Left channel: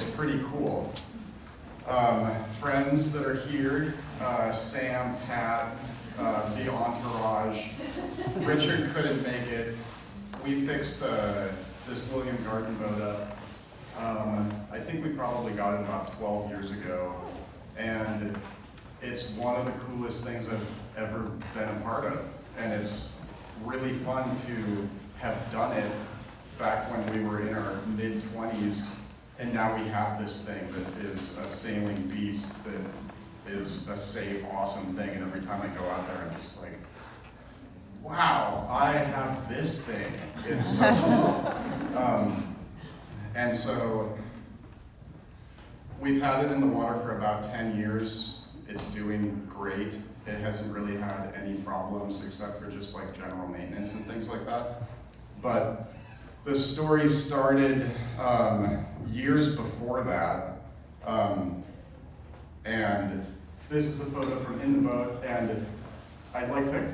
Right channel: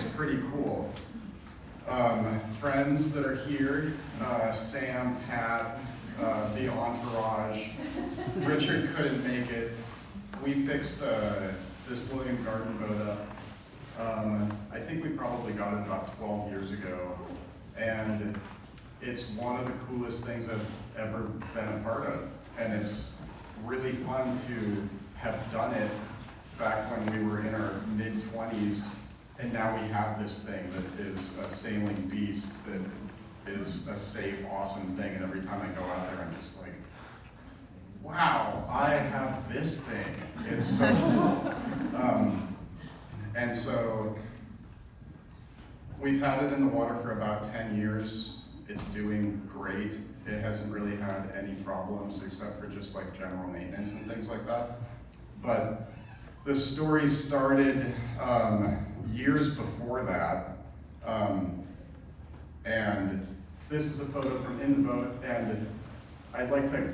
it's pretty cool. Friends that are here, Sam, Pat, the entourage. Richard couldn't make it. We fixed this William Garden boat up. I think we probably got it about 12 years ago, and it's one of the coolest things I've ever been a part of. And it's really fun to have done it back when we were in our mid-20s, and now we have this thing that is a sailing beast that is a safe, awesome thing. And every time I go out there, I'm just like, wow, I have this thing. It's so cool. And so we've had it in the water for about 10 years. It's doing great. It hasn't really had any problems except for just like general maintenance and things like that. But the story started years before that. And this is a photo from in the boat, and I'd like to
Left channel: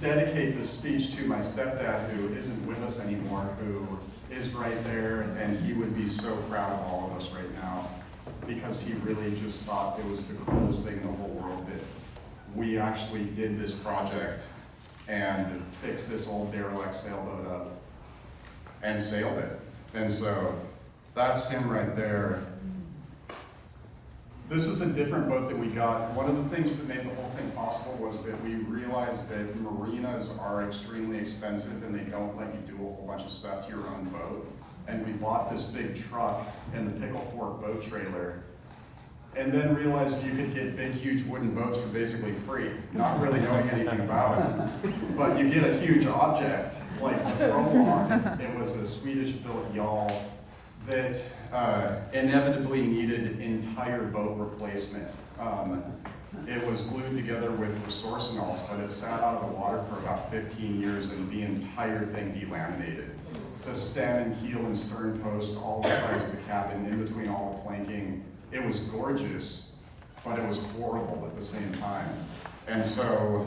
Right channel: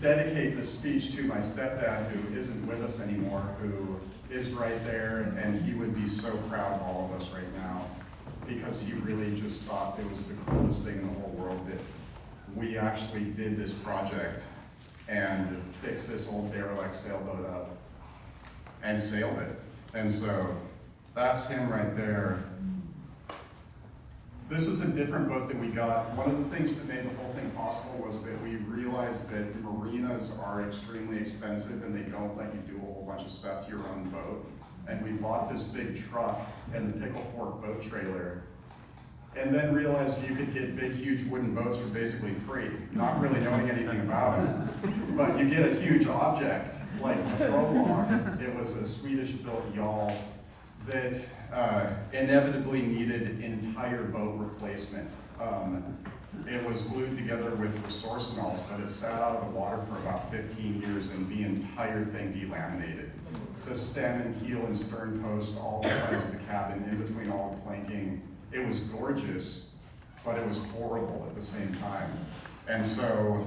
dedicate this speech to my stepdad, who isn't with us anymore, who is right there, and he would be so proud of all of us right now, because he really just thought it was the coolest thing in the whole world that we actually did this project and fixed this old derelict sailboat up and sailed it. And so that's him right there. This is a different boat that we got. One of the things that made the whole thing possible was that we realized that marinas are extremely expensive and they don't let you do a whole bunch of stuff to your own boat. And we bought this big truck and the Pickle Fork boat trailer, and then realized you could get big, huge wooden boats for basically free, not really knowing anything about them. But you get a huge object, like the Prolog. It was a Swedish-built yawl that inevitably needed entire boat replacement. It was glued together with Resourceful, but it sat out of the water for about 15 years and the entire thing delaminated. The stem and keel and stern post, all the sides of the cabin, in between all the planking. It was gorgeous, but it was horrible at the same time. And so,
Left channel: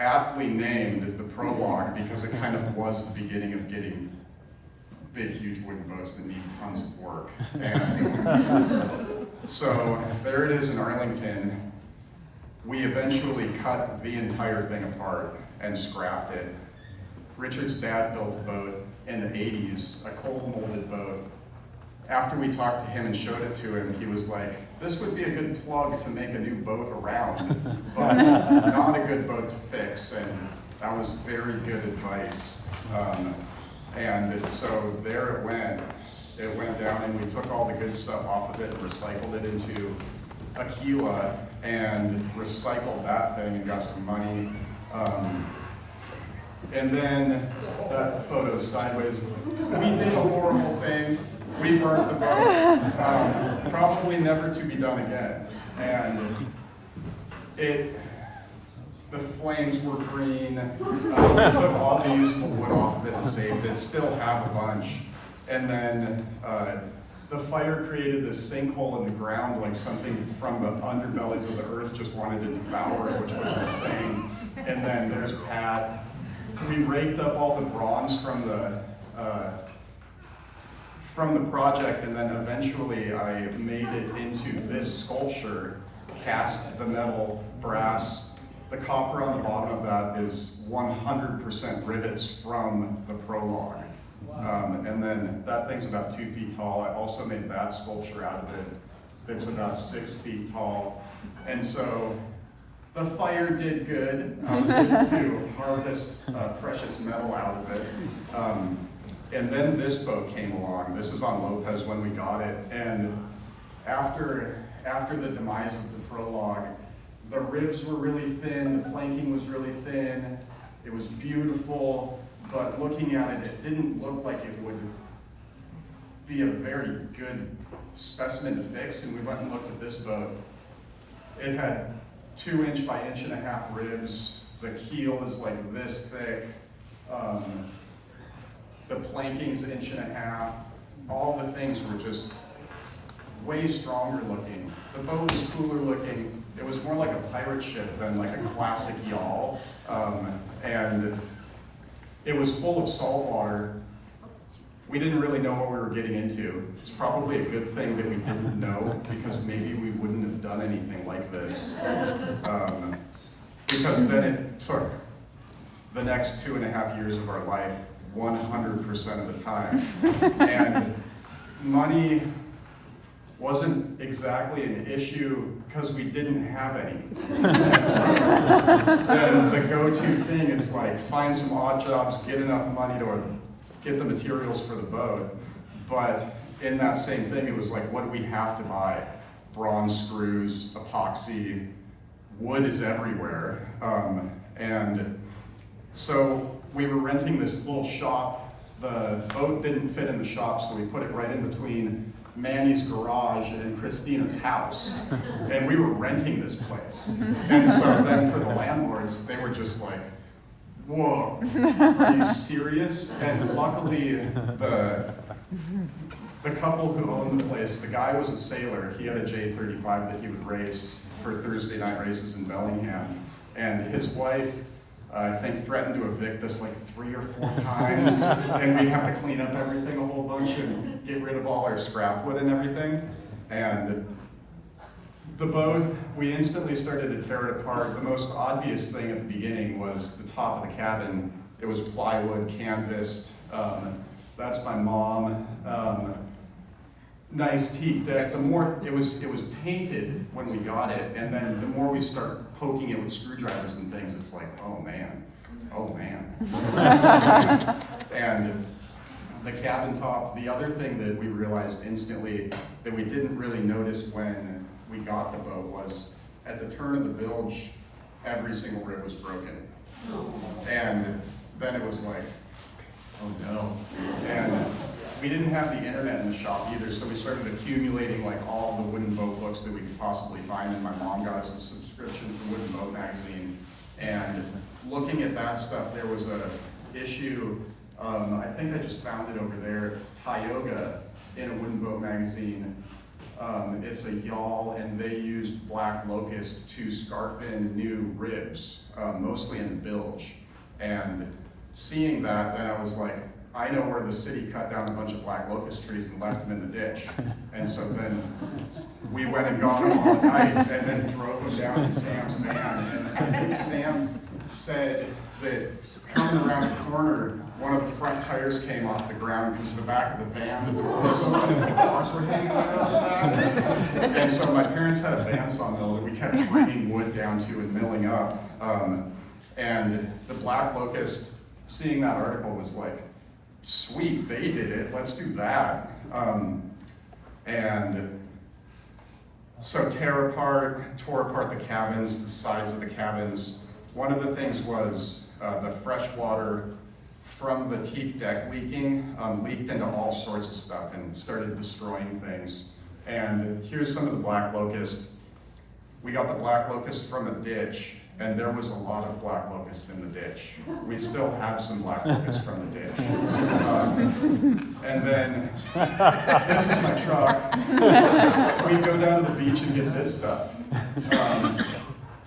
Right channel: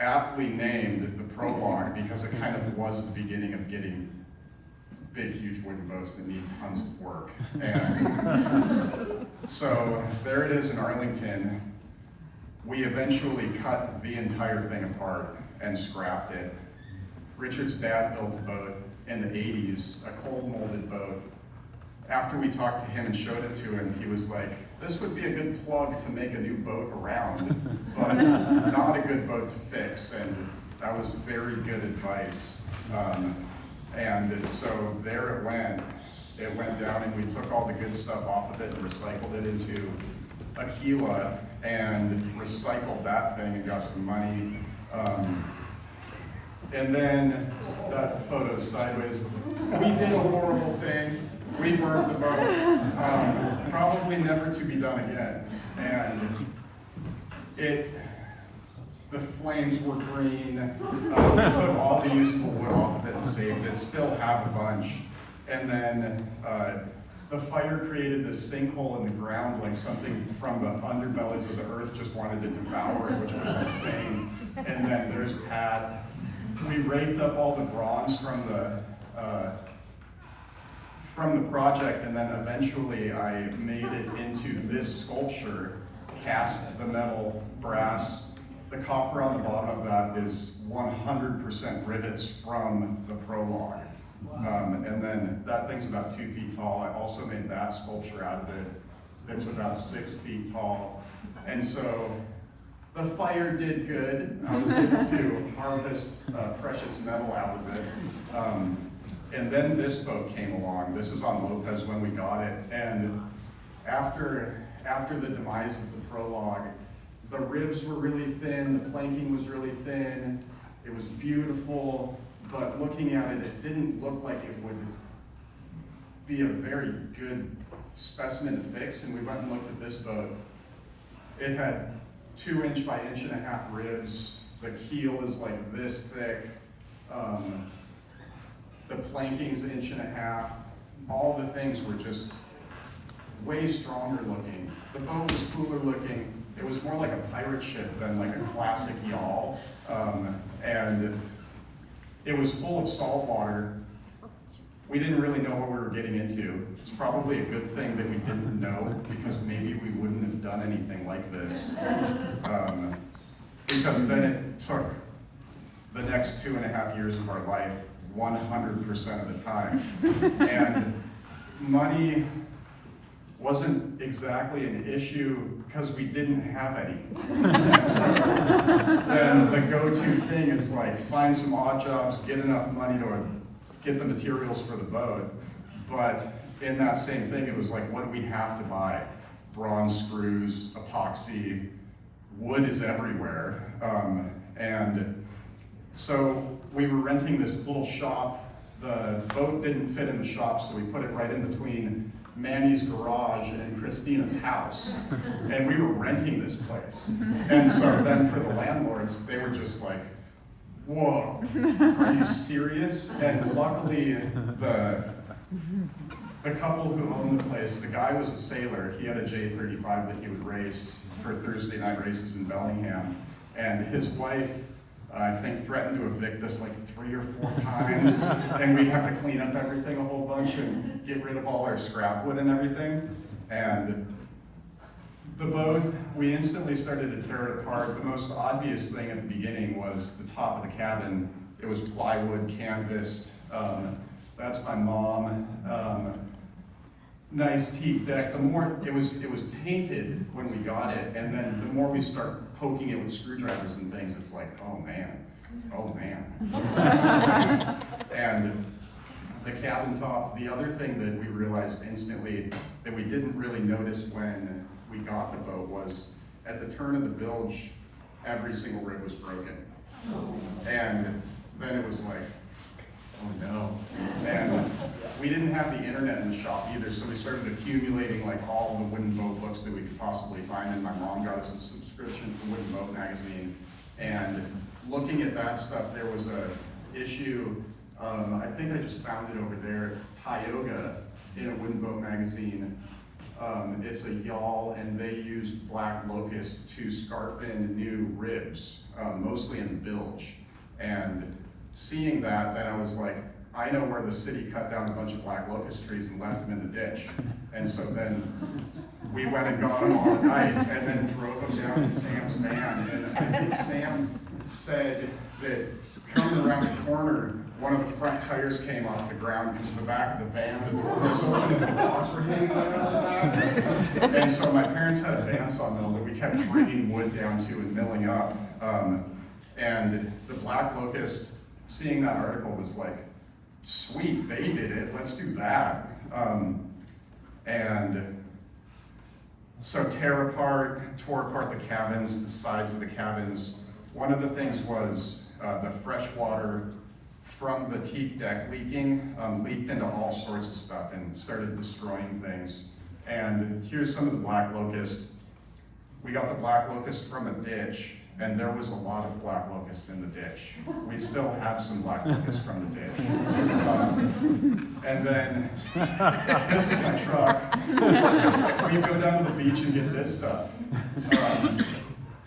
aptly named the Prolog, because it kind of was the beginning of getting big, huge wooden boats that need tons of work. And so there it is in Arlington. We eventually cut the entire thing apart and scrapped it. Richard's dad built a boat in the 80s, a cold molded boat. After we talked to him and showed it to him, he was like, this would be a good plug to make a new boat around, but not a good boat to fix. And that was very good advice. And so there it went. It went down, and we took all the good stuff off of it and recycled it into Aquila and recycled that thing and got some money. And then that photo sideways. We did a horrible thing. We burnt the boat. Probably never to be done again. And the flames were green. We took all the usable wood off of it and saved it. Still have a bunch. And then the fire created this sinkhole in the ground, like something from the underbellies of the earth just wanted to devour it, which was insane. And then there's Pat. We raked up all the bronze from the project, and then eventually I made it into this sculpture, cast the metal, brass. The copper on the bottom of that is 100% rivets from the Prolog. Wow. And then that thing's about 2 feet tall. I also made that sculpture out of it. It's about 6 feet tall. And so the fire did good. I was able to harvest precious metal out of it. And then this boat came along. This is on Lopez when we got it. And after the demise of the Prolog, the ribs were really thin, the planking was really thin. It was beautiful, but looking at it, it didn't look like it would be a very good specimen to fix. And we went and looked at this boat. It had 2 inch by 1.5 inch ribs. The keel is like this thick. The planking's 1.5 inches. All the things were just way stronger looking. The boat was cooler looking. It was more like a pirate ship than like a classic yawl. And it was full of salt water, we didn't really know what we were getting into. It's probably a good thing that we didn't know, because maybe we wouldn't have done anything like this. Because then it took the next 2.5 years of our life 100% of the time. And money wasn't exactly an issue because we didn't have any. And so then the go-to thing is like, find some odd jobs, get enough money to get the materials for the boat. But in that same thing, it was like, what do we have to buy? Bronze screws, epoxy, wood is everywhere. And so we were renting this little shop. The boat didn't fit in the shop, so we put it right in between Manny's garage and Christina's house. And we were renting this place. And so then for the landlords, they were just like, whoa, are you serious? And luckily, the couple who owned the place, the guy was a sailor. He had a J35 that he would race for Thursday night races in Bellingham. And his wife, I think, threatened to evict us like 3 or 4 times. And we'd have to clean up everything a whole bunch and get rid of all our scrap wood and everything. And the boat, we instantly started to tear it apart. The most obvious thing at the beginning was the top of the cabin. It was plywood, canvased. That's my mom. Nice teak deck. The more it was painted when we got it, and then the more we start poking it with screwdrivers and things, it's like, oh man. And the cabin top. The other thing that we realized instantly that we didn't really notice when we got the boat was at the turn of the bilge, every single rib was broken, and then it was like, oh no. And we didn't have the internet in the shop either, so we started accumulating like all the wooden boat books that we could possibly find, and my mom got us a subscription to Wooden Boat magazine. And looking at that stuff, there was a issue, I think I just found it over there, Tioga in a Wooden Boat magazine. It's a yawl, and they used black locust to scarf in new ribs, mostly in the bilge. And seeing that, then I was like, I know where the city cut down a bunch of black locust trees and left them in the ditch. And so then we went and got them all at night and then drove them down in Sam's van. And I think Sam said that coming around the corner, one of the front tires came off the ground because the back of the van, the door was open and the dogs were hanging out on the back. And so my parents had a bandsaw mill that we kept bringing wood down to and milling up. And the black locust, seeing that article was like, sweet, they did it, let's do that. And so tore apart the cabins, the sides of the cabins. One of the things was the fresh water from the teak deck leaking, leaked into all sorts of stuff and started destroying things. And here's some of the black locust. We got the black locust from a ditch, and there was a lot of black locust in the ditch. We still have some black locust from the ditch. And then, this is my truck. We'd go down to the beach and get this stuff.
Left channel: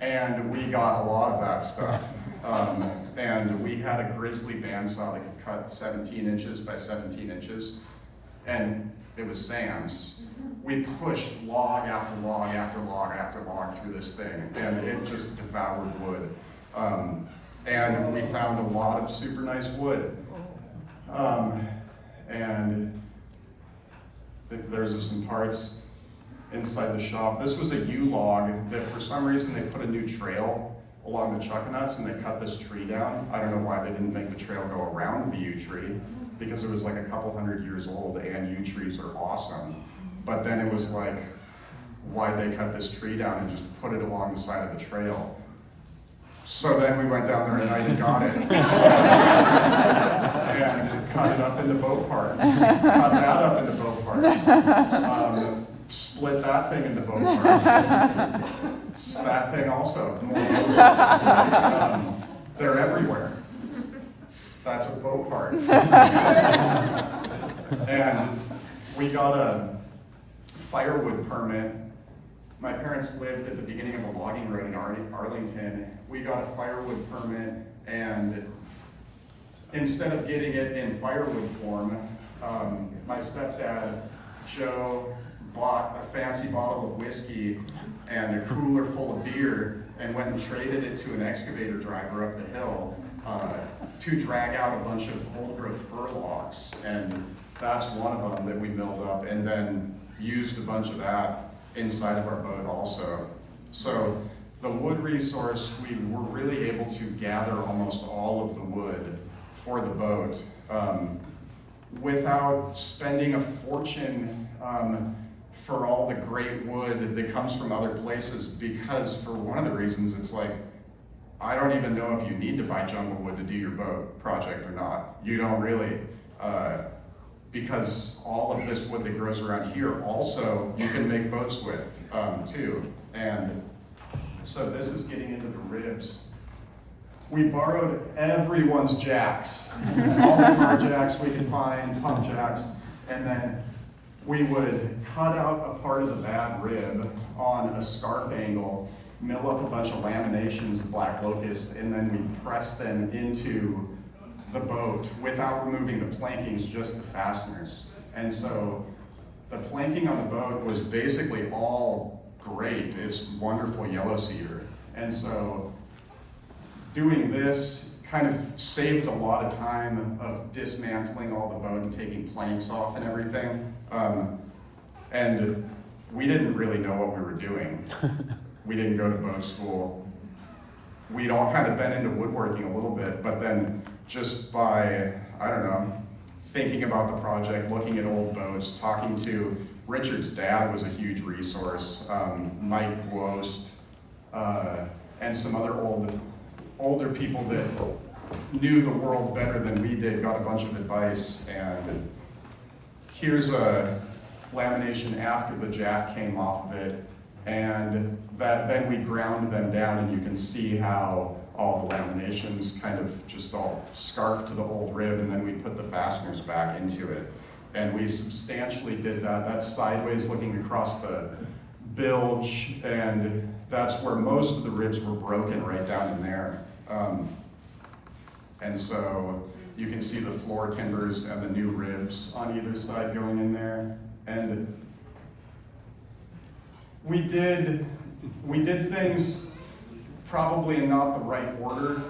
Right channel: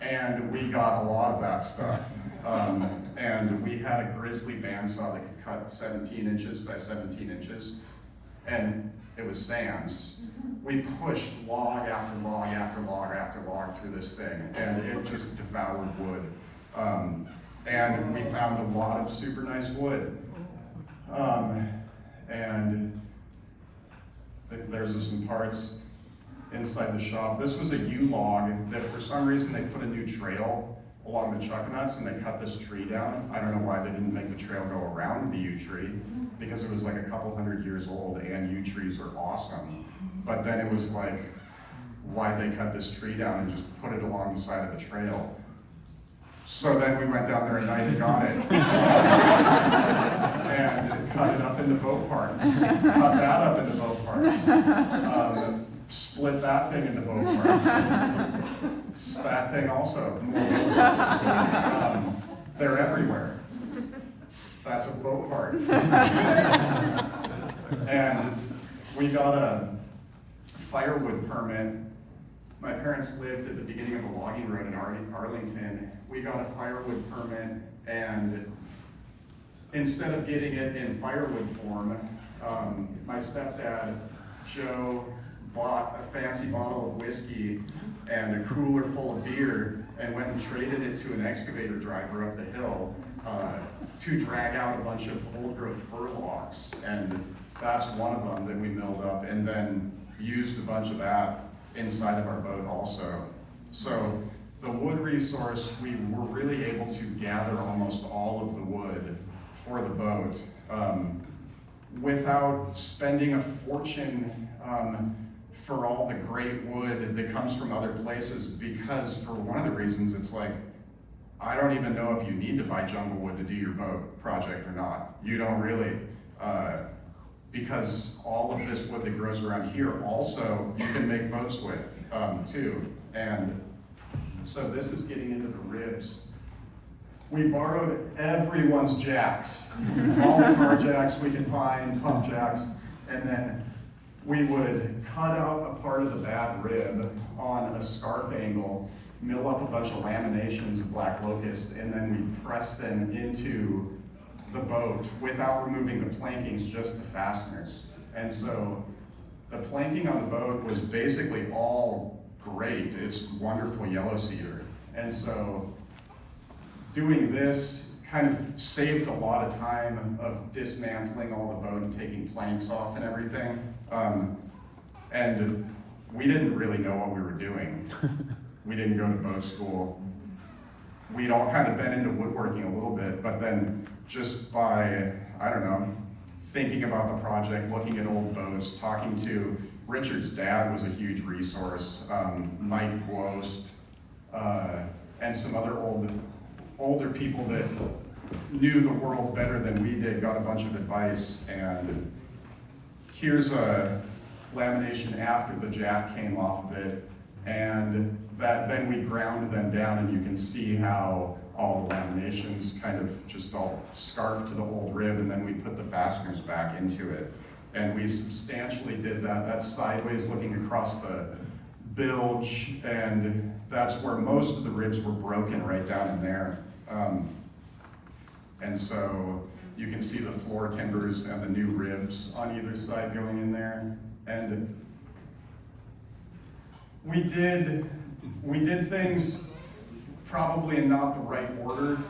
And we got a lot of that stuff. And we had a grizzly bandsaw that could cut 17 inches by 17 inches. And it was Sam's. We pushed log after log after log after log through this thing, and it just devoured wood. And we found a lot of super nice wood. And there's some parts inside the shop. This was a U-log that for some reason they put a new trail along the chuckanuts and they cut this tree down. I don't know why they didn't make the trail go around the yew tree, because it was like a couple hundred years old and yew trees are awesome. But then it was like, why did they cut this tree down and just put it along the side of the trail? So then we went down there at night and got it. And cut it up into boat parts. Cut that up into boat parts. Split that thing into boat parts. That thing also, more boat parts. They're everywhere. That's a boat part. And we got a firewood permit. My parents lived at the beginning of a logging road in Arlington. We got a firewood permit, and instead of getting it in firewood form, My stepdad, Joe, bought a fancy bottle of whiskey and a cooler full of beer and went and traded it to an excavator driver up the hill to drag out a bunch of old growth fir logs. And that's one of them that we milled up and then used a bunch of that inside of our boat also. So the wood resource, we were really able to gather almost all of the wood for the boat without spending a fortune for all the great wood that comes from other places, because for one of the reasons it's like, I don't even know if you need to buy jungle wood to do your boat project or not. You don't really, because all of this wood that grows around here also you can make boats with too. And so this is getting into the ribs. We borrowed everyone's jacks, all the car jacks we could find, pump jacks, and then we would cut out a part of the bad rib on a scarf angle, mill up a bunch of laminations of black locust, and then we press them into the boat without removing the plankings, just the fasteners. And so the planking on the boat was basically all great. It's wonderful yellow cedar. And so doing this kind of saved a lot of time of dismantling all the boat and taking planks off and everything. And we didn't really know what we were doing. We didn't go to boat school. We'd all kind of been into woodworking a little bit, but then just by, I don't know, thinking about the project, looking at old boats, talking to Richard's dad was a huge resource, Mike Gwost, and some other older people that knew the world better than we did, got a bunch of advice. And here's a lamination after the jack came off of it, and that then we ground them down, and you can see how all the laminations kind of just all scarfed to the old rib, and then we put the fasteners back into it. And we substantially did that. That's sideways looking across the bilge, and that's where most of the ribs were broken, right down in there. And so you can see the floor timbers and the new ribs on either side going in there. And we did things probably in not the right order,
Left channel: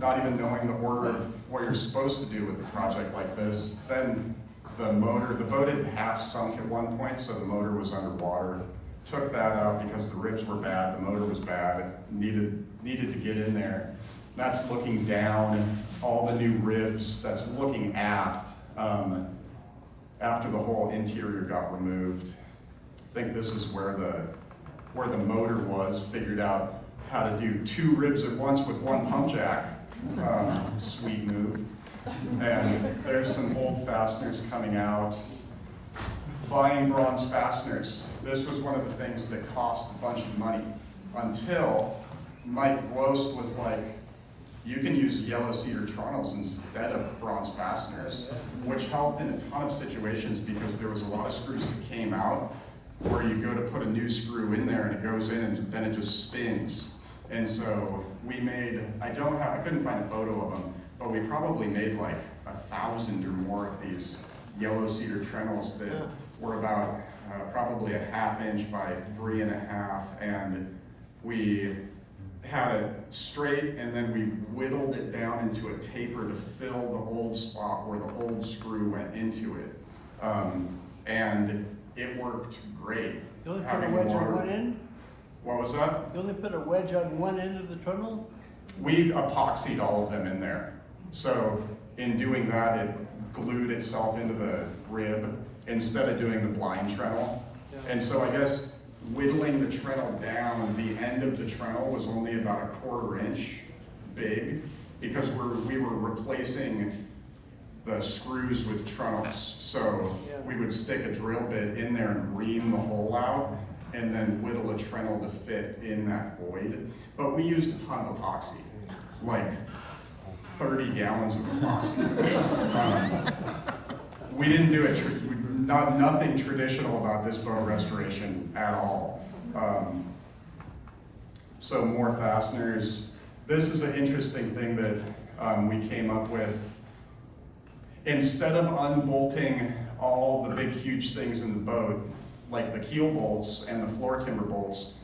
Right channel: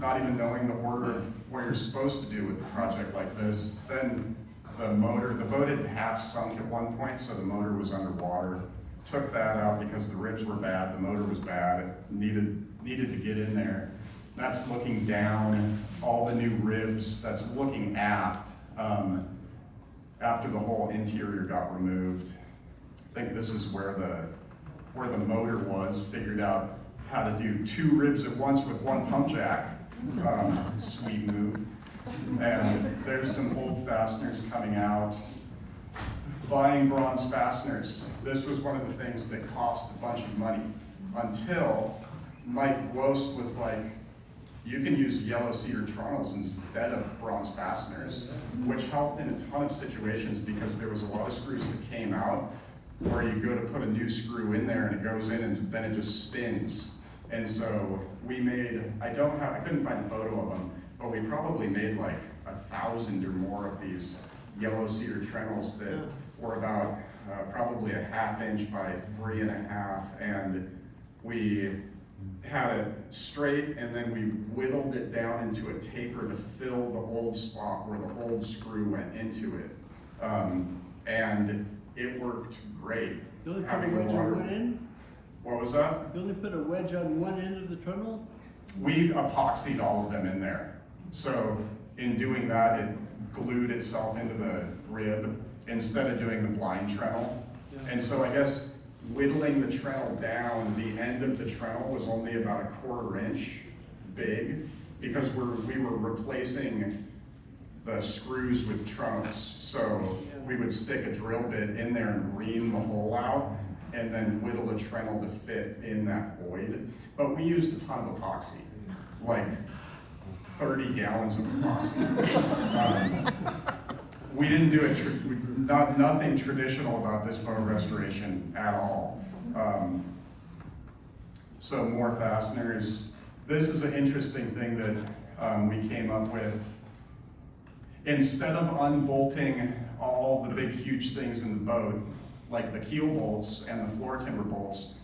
not even knowing the order of what you're supposed to do with a project like this. Then the boat had half sunk at one point, so the motor was underwater. Took that out because the ribs were bad, the motor was bad, needed to get in there. That's looking down, all the new ribs, that's looking aft, after the whole interior got removed. I think this is where the motor was, figured out how to do 2 ribs at once with 1 pump jack. Sweet move. And there's some old fasteners coming out. Buying bronze fasteners. This was one of the things that cost a bunch of money until Mike Gwost was like, you can use yellow cedar trunnels instead of bronze fasteners, which helped in a ton of situations because there was a lot of screws that came out where you go to put a new screw in there and it goes in and then it just spins. And so we made, I couldn't find a photo of them, but we probably made like 1,000 or more of these yellow cedar trunnels that were about probably a 1/2 inch by 3.5, and we had it straight, and then we whittled it down into a taper to fill the old spot where the old screw went into it. And it worked great. You only put a wedge on one end? What was that? You only put a wedge on one end of the tunnel? We epoxied all of them in there. So in doing that, it glued itself into the rib instead of doing the blind treadle. And so I guess whittling the treadle down, the end of the treadle was only about a 1/4 inch big because we were replacing the screws with treadles. So we would stick a drill bit in there and ream the hole out and then whittle a treadle to fit in that void. But we used a ton of epoxy, like 30 gallons of epoxy. We didn't do it, nothing traditional about this boat restoration at all. So more fasteners. This is an interesting thing that we came up with. instead of unbolting all the big huge things in the boat, like the keel bolts and the floor timber bolts,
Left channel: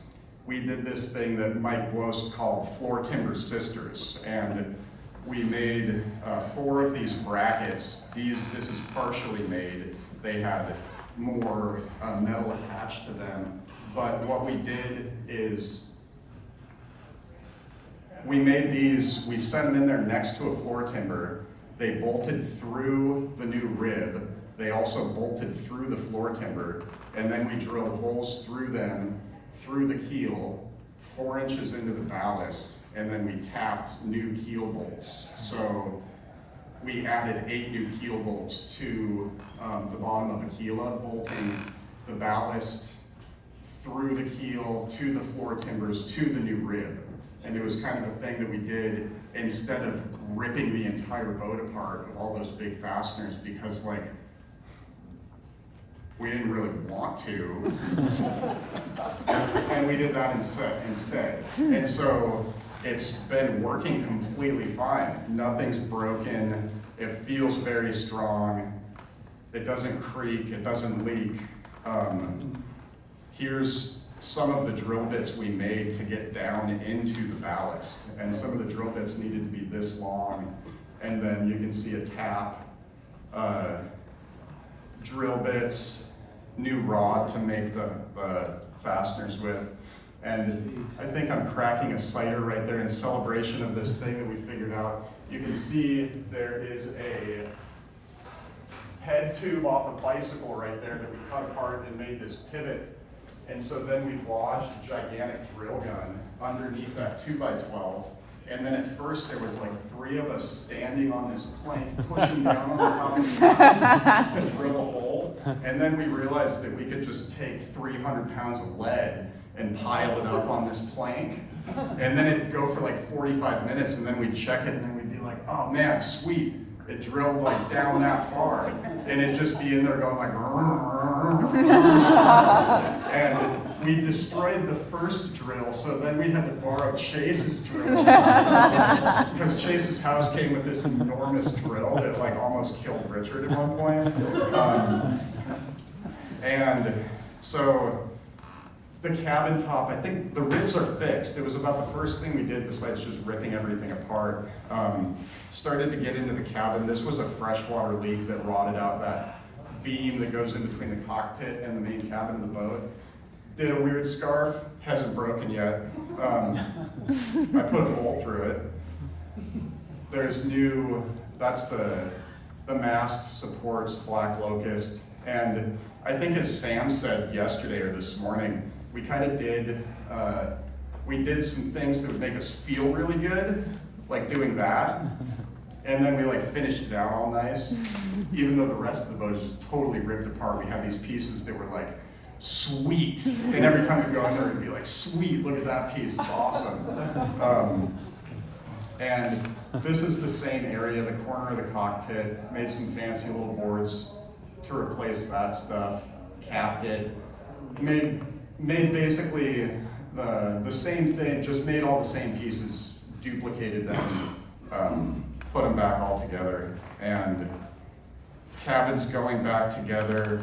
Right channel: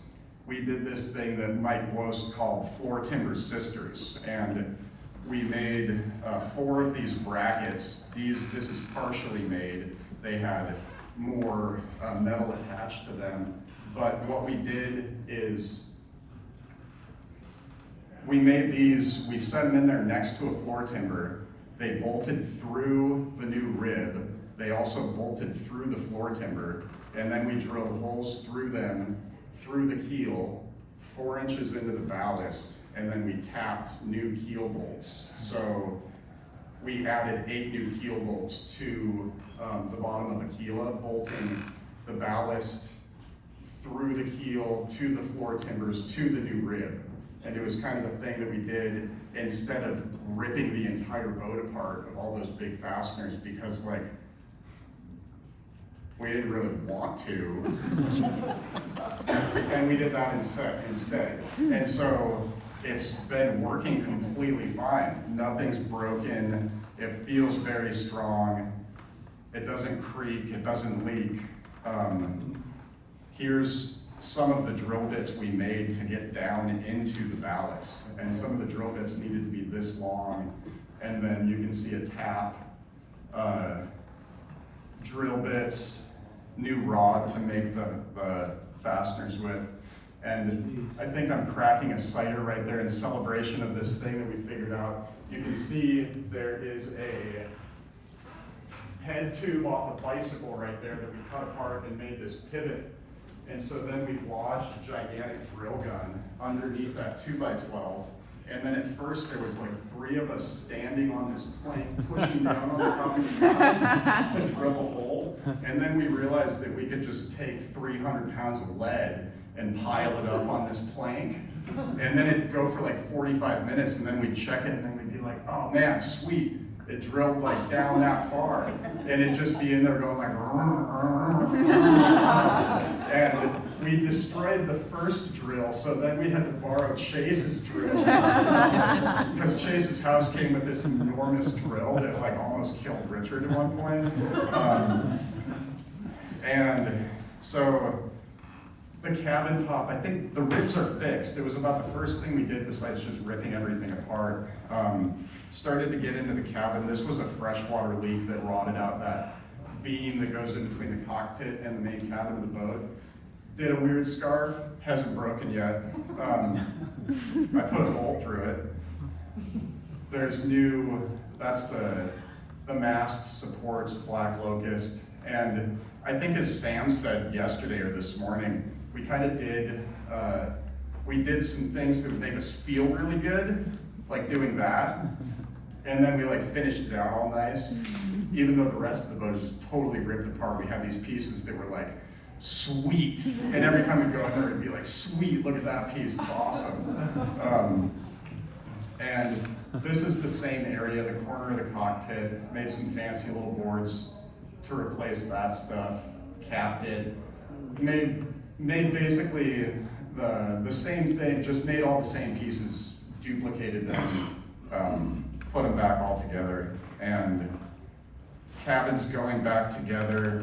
we did this thing that Mike Gwost called floor timber sisters. And we made 4 of these brackets. This is partially made. They had more metal attached to them. But what we did is we made these, we set them in there next to a floor timber. They bolted through the new rib. They also bolted through the floor timber. And then we drilled holes through them, through the keel, 4 inches into the ballast, and then we tapped new keel bolts. So we added 8 new keel bolts to the bottom of the Aquila, bolting the ballast through the keel to the floor timbers to the new rib. And it was kind of a thing that we did instead of ripping the entire boat apart of all those big fasteners, because like, we didn't really want to. And we did that instead. And so it's been working completely fine. Nothing's broken. It feels very strong. It doesn't creak, it doesn't leak. Here's some of the drill bits we made to get down into the ballast. And some of the drill bits needed to be this long. And then you can see a tap, drill bits, new rod to make the fasteners with. And I think I'm cracking a cider right there in celebration of this thing that we figured out. You can see there is a head tube off a bicycle right there that we cut apart and made this pivot. And so then we lodged a gigantic drill gun underneath that 2x12. And then at first there was like 3 of us standing on this plank, pushing down on the top of the mountain to drill a hole. And then we realized that we could just take 300 pounds of lead and pile it up on this plank. And then it'd go for like 45 minutes, and then we'd check it, and then we'd be like, oh man, sweet. It drilled like down that far. And it'd just be in there going like, and we destroyed the first drill, so then we had to borrow Chase's drill. Because Chase's house came with this enormous drill that like almost killed Richard at one point. And so the cabin top, I think the ribs are fixed. It was about the first thing we did besides just ripping everything apart. Started to get into the cabin. This was a freshwater leak that rotted out that beam that goes in between the cockpit and the main cabin of the boat. Did a weird scarf, hasn't broken yet. I put a hole through it. There's new, that's the mast supports black locust. And I think as Sam said yesterday or this morning, we kind of did, we did some things that would make us feel really good, like doing that. And then we like finished it out all nice. Even though the rest of the boat is just totally ripped apart, we had these pieces that were like, sweet. And every time we go in there, it'd be like, sweet, look at that piece, it's awesome. And this is the same area, the corner of the cockpit, made some fancy little boards to replace that stuff, capped it, made basically the same thing, just made all the same pieces, duplicated them, put them back all together, and cabin's going back together.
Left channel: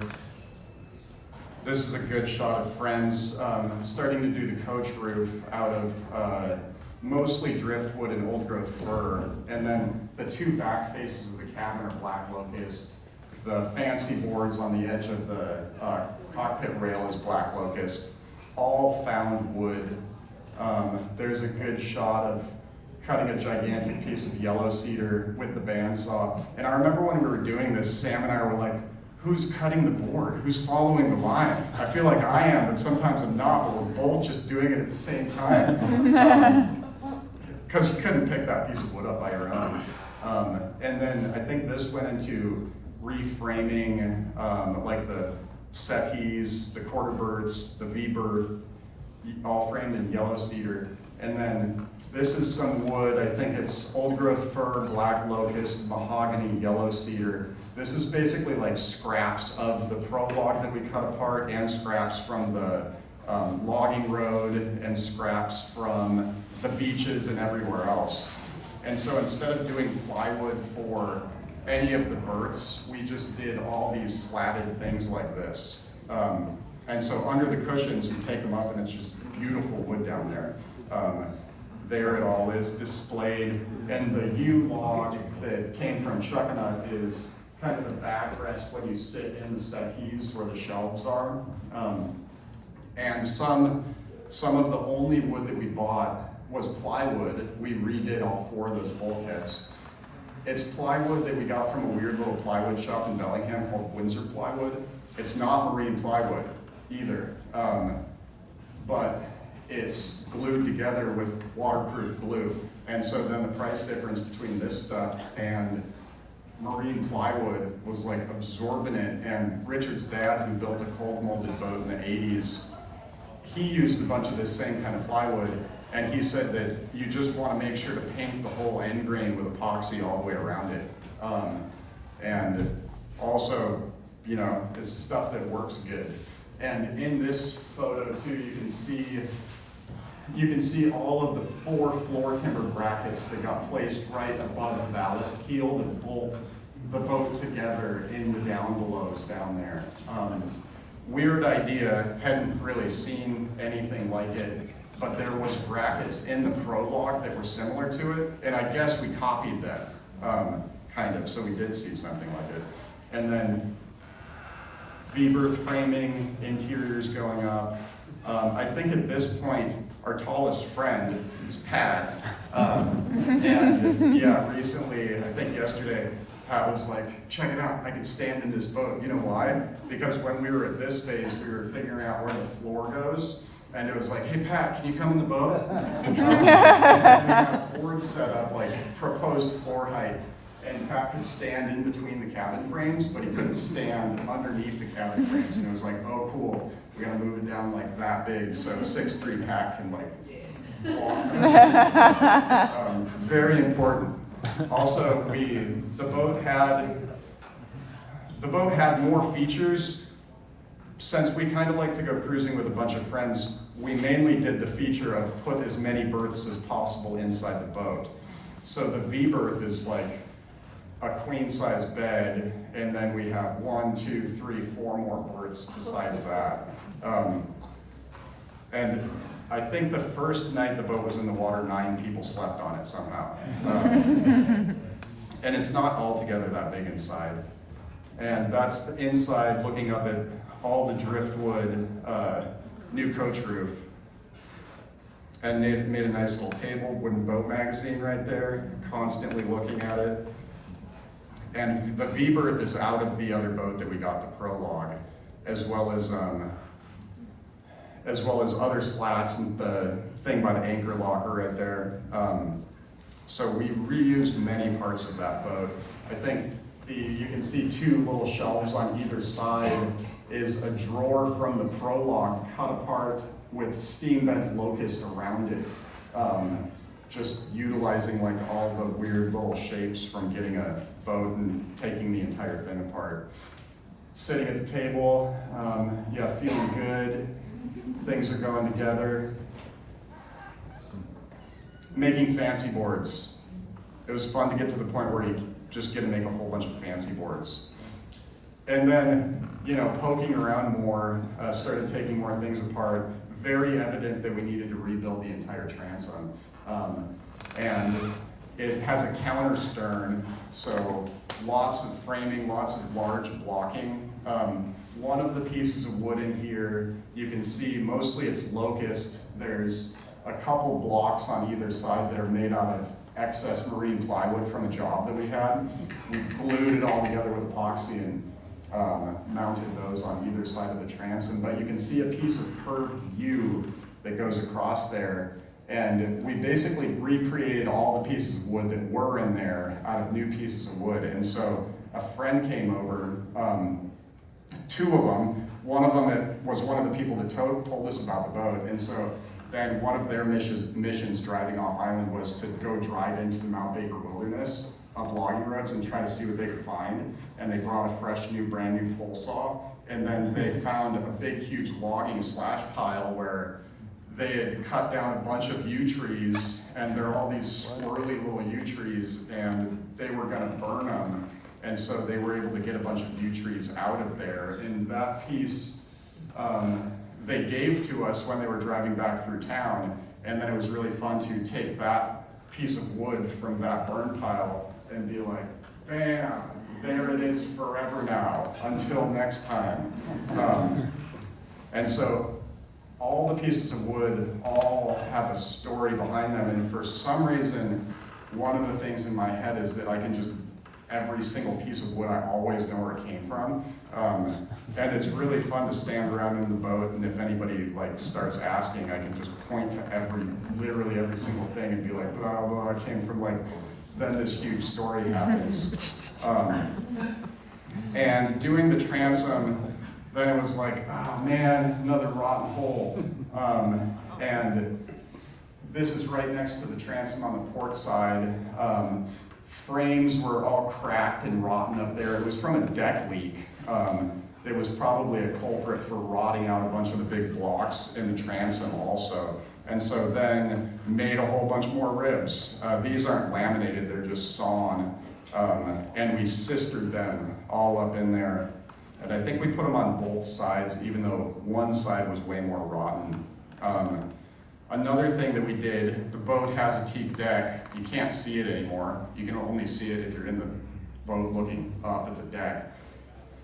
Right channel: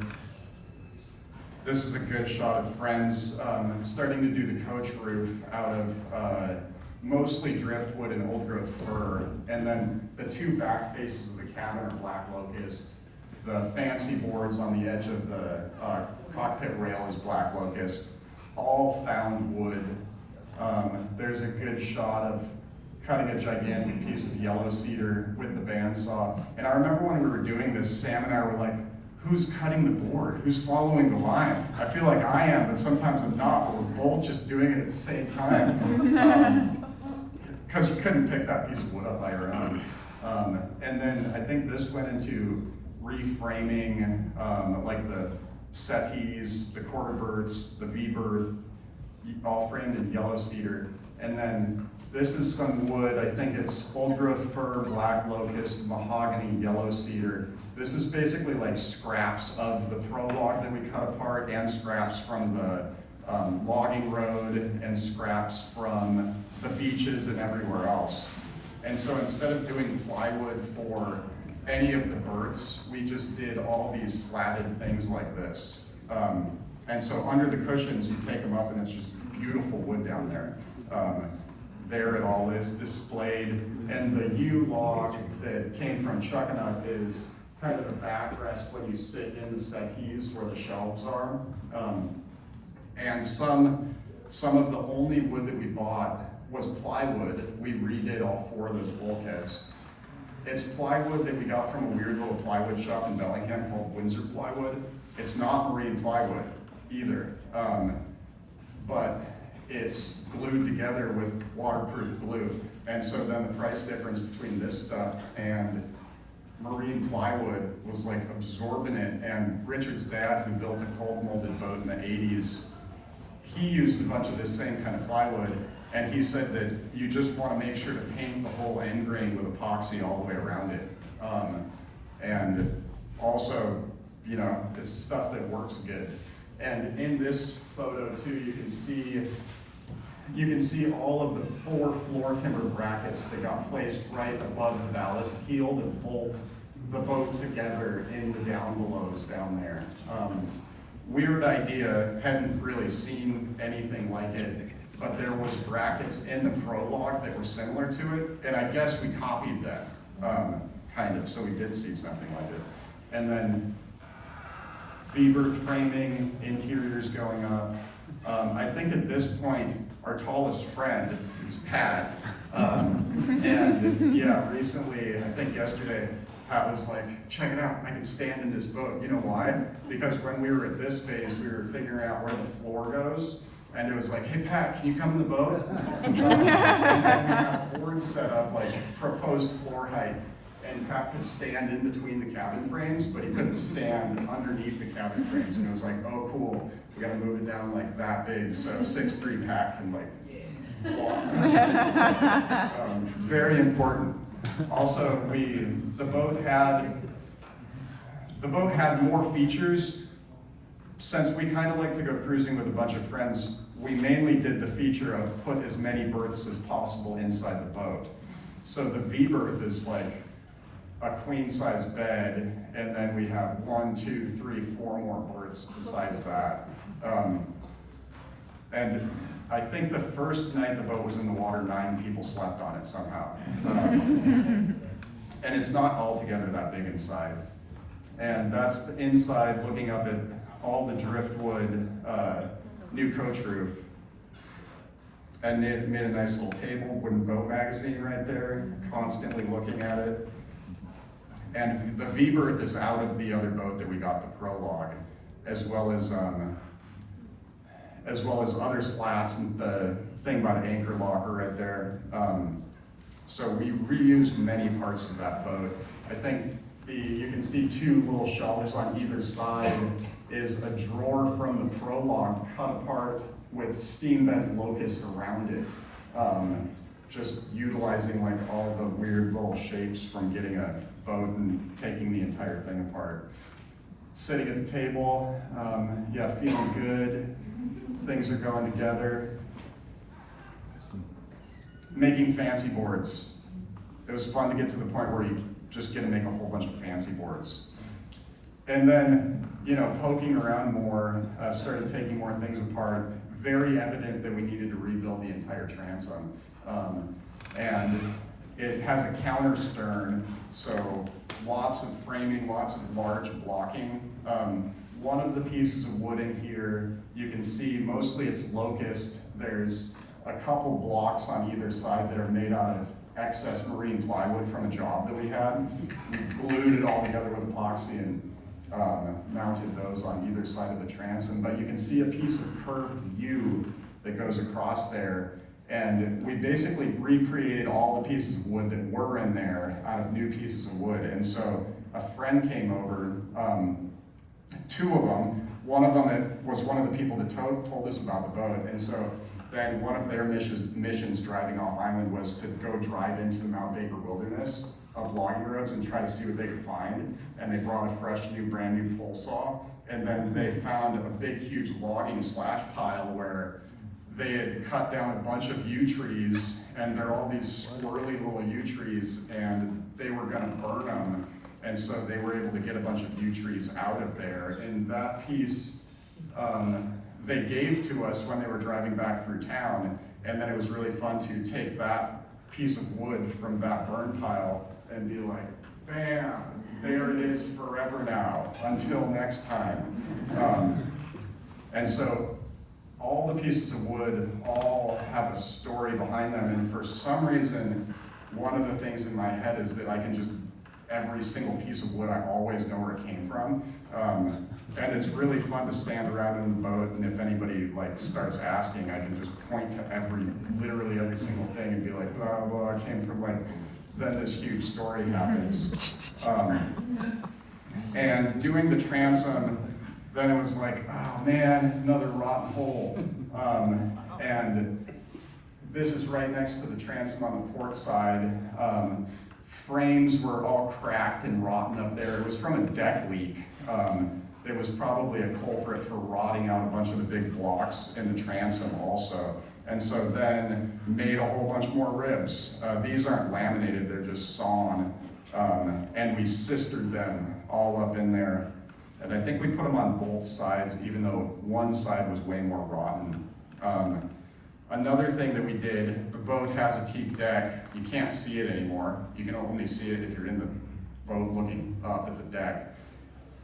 This is a good shot of friends starting to do the coach roof out of mostly driftwood and old growth fir, and then the 2 back faces of the cabin are black locust. The fancy boards on the edge of the cockpit rail is black locust. All found wood. There's a good shot of cutting a gigantic piece of yellow cedar with the bandsaw. And I remember when we were doing this, Sam and I were like, who's cutting the board? Who's following the line? I feel like I am, but sometimes I'm not, but we're both just doing it at the same time. Because you couldn't pick that piece of wood up by your own. And then I think this went into reframing, like the settees, the quarter berths, the V-berth, all framed in yellow cedar. And then this is some wood, I think it's old growth fir, black locust, mahogany, yellow cedar. This is basically like scraps of the prologue that we cut apart and scraps from the logging road and scraps from the beaches and everywhere else. And so instead of doing plywood for any of the berths. We just did all these slatted things like this. And so under the cushions, you take them up and it's just beautiful wood down there. There it all is displayed. And the U-log that came from Chuckanut is kind of the backrest when you sit in the settees where the shelves are. And some of the only wood that we bought was plywood. We redid all 4 of those bulkheads. It's plywood that we got from a weird little plywood shop in Bellingham called Windsor Plywood. It's not marine plywood either, but it's glued together with waterproof glue. And so then the price difference between this stuff and marine plywood was like absorbent. And Richard's dad, who built a cold molded boat in the 80s, he used a bunch of this same kind of plywood. And he said that you just want to make sure to paint the whole end grain with epoxy all the way around it. And also, you know, it's stuff that works good. And in this photo too, you can see all of the 4 floor timber brackets that got placed right above the ballast keel that bolt the boat together in the down belows down there. Weird idea, hadn't really seen anything like it, but there was brackets in the prologue that were similar to it, and I guess we copied them, kind of, so we did see something like it. And then V-berth framing, interiors going up. I think at this point, our tallest friend is Pat. And yeah, recently, I think yesterday, Pat was like, check it out, I can stand in this boat. You know why? Because when we were at this phase, we were figuring out where the floor goes. And it was like, hey Pat, can you come in the boat? And we had boards set up, like proposed floor height. And Pat could stand in between the cabin frames, but he couldn't stand underneath the cabin frames. And it was like, oh cool, we gotta move it down like that big, so 6'3" Pat can like walk. Very important. Also, the boat had more features. Since we kind of like to go cruising with a bunch of friends, we mainly did the feature of put as many berths as possible inside the boat. So the V-berth is like a queen size bed, and then we have 1, 2, 3, 4 more berths besides that. And I think the first night the boat was in the water, 9 people slept on it somehow. And it's not altogether that big inside. And that's the inside, looking up at all the driftwood, new coach roof. And they made a nice little table, wooden boat magazine right there, constantly looking at it. And the V-berth is out of the other boat that we got, the Prologue, as well as other slats and the thing by the anchor locker right there. So we reused many parts of that boat. I think you can see 2 little shelves on either side is a drawer from the Prologue cut apart with steam vent locust around it. Just utilizing like all the weird little shapes from getting a boat and taking the entire thing apart. Sitting at the table, yeah, feeling good. Things are going together. Making fancy boards. It was fun to get to the point where you just get to make a whole bunch of fancy boards. And then, you know, poking around more, started taking more things apart. Very evident that we needed to rebuild the entire transom. And it has a counter stern, so lots of framing, lots of large blocking. One of the pieces of wood in here, you can see mostly it's locust. There's a couple blocks on either side that are made out of excess marine plywood from a job that we had. We glued it all together with epoxy and mounted those on either side of the transom. But you can see a piece of curved U that goes across there. And we basically recreated all the pieces of wood that were in there out of new pieces of wood. And so a friend came over, 2 of them. One of them was one of the people that told us about the boat. And so then one of their missions driving off island was to go drive into the Mount Baker wilderness of logging roads and try to see what they could find. And they brought a fresh new, brand new pole saw. And then they found a big, huge logging slash pile where they had cut down a bunch of yew trees, and they're all these swirly little yew trees, and they were gonna burn them. And so they were able to get a bunch of yew trees out of there. And that piece, they gave to us when they were driving back through town. And then it was really fun to take that piece of wood from that burn pile and be like, bam, there it is forever now, until next time. And so all the pieces of wood all have a story behind them, and for some reason, one of the things in my head is that I can just, every single piece of wood, I always know where it came from. And it's really fun to stand around in the boat, and if anybody like starts asking, I can just point to literally every single thing and be like, blah, blah, it came from like, then this huge story happens. And doing the transom, then it was like, oh man, another rotten hole. And this is right next to the transom on the port side. Frames were all cracked and rotten up there. It was from a deck leak. It was probably a culprit for rotting out a bunch of the big blocks in the transom also. And so then made a whole bunch more ribs. These aren't laminated, they're just sawn. And we sistered them all up in there. And I think we put them on both sides, even though one side was way more rotten. Another thing that we did, the boat has a teak deck. You can't see it anymore. You can only see it if you're in the boat looking up at the deck.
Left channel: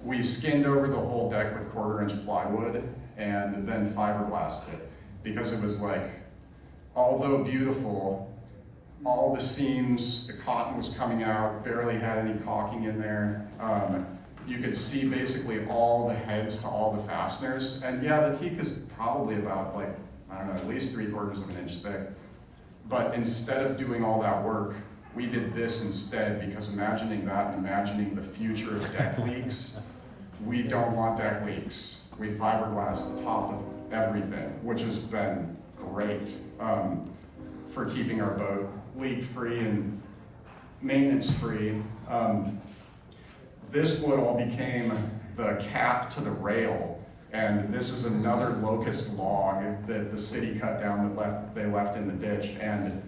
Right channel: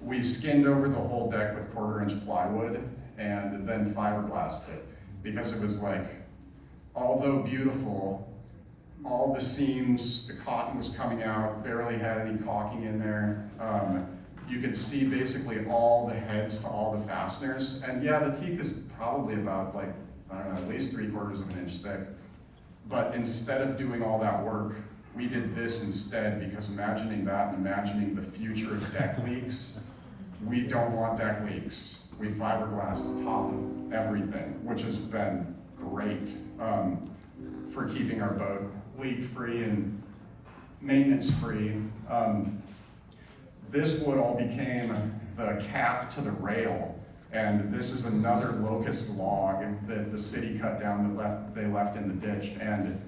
We skinned over the whole deck with 1/4-inch plywood and then fiberglassed it, because it was like, although beautiful, all the seams, the cotton was coming out, barely had any caulking in there. You could see basically all the heads to all the fasteners. And yeah, the teak is probably about like, I don't know, at least 3/4 of an inch thick. But instead of doing all that work, we did this instead, because imagining that and imagining the future of deck leaks, we don't want deck leaks. We fiberglass the top of everything, which has been great for keeping our boat leak-free and maintenance-free. This wood all became the cap to the rail, and this is another locust log that the city cut down that they left in the ditch, and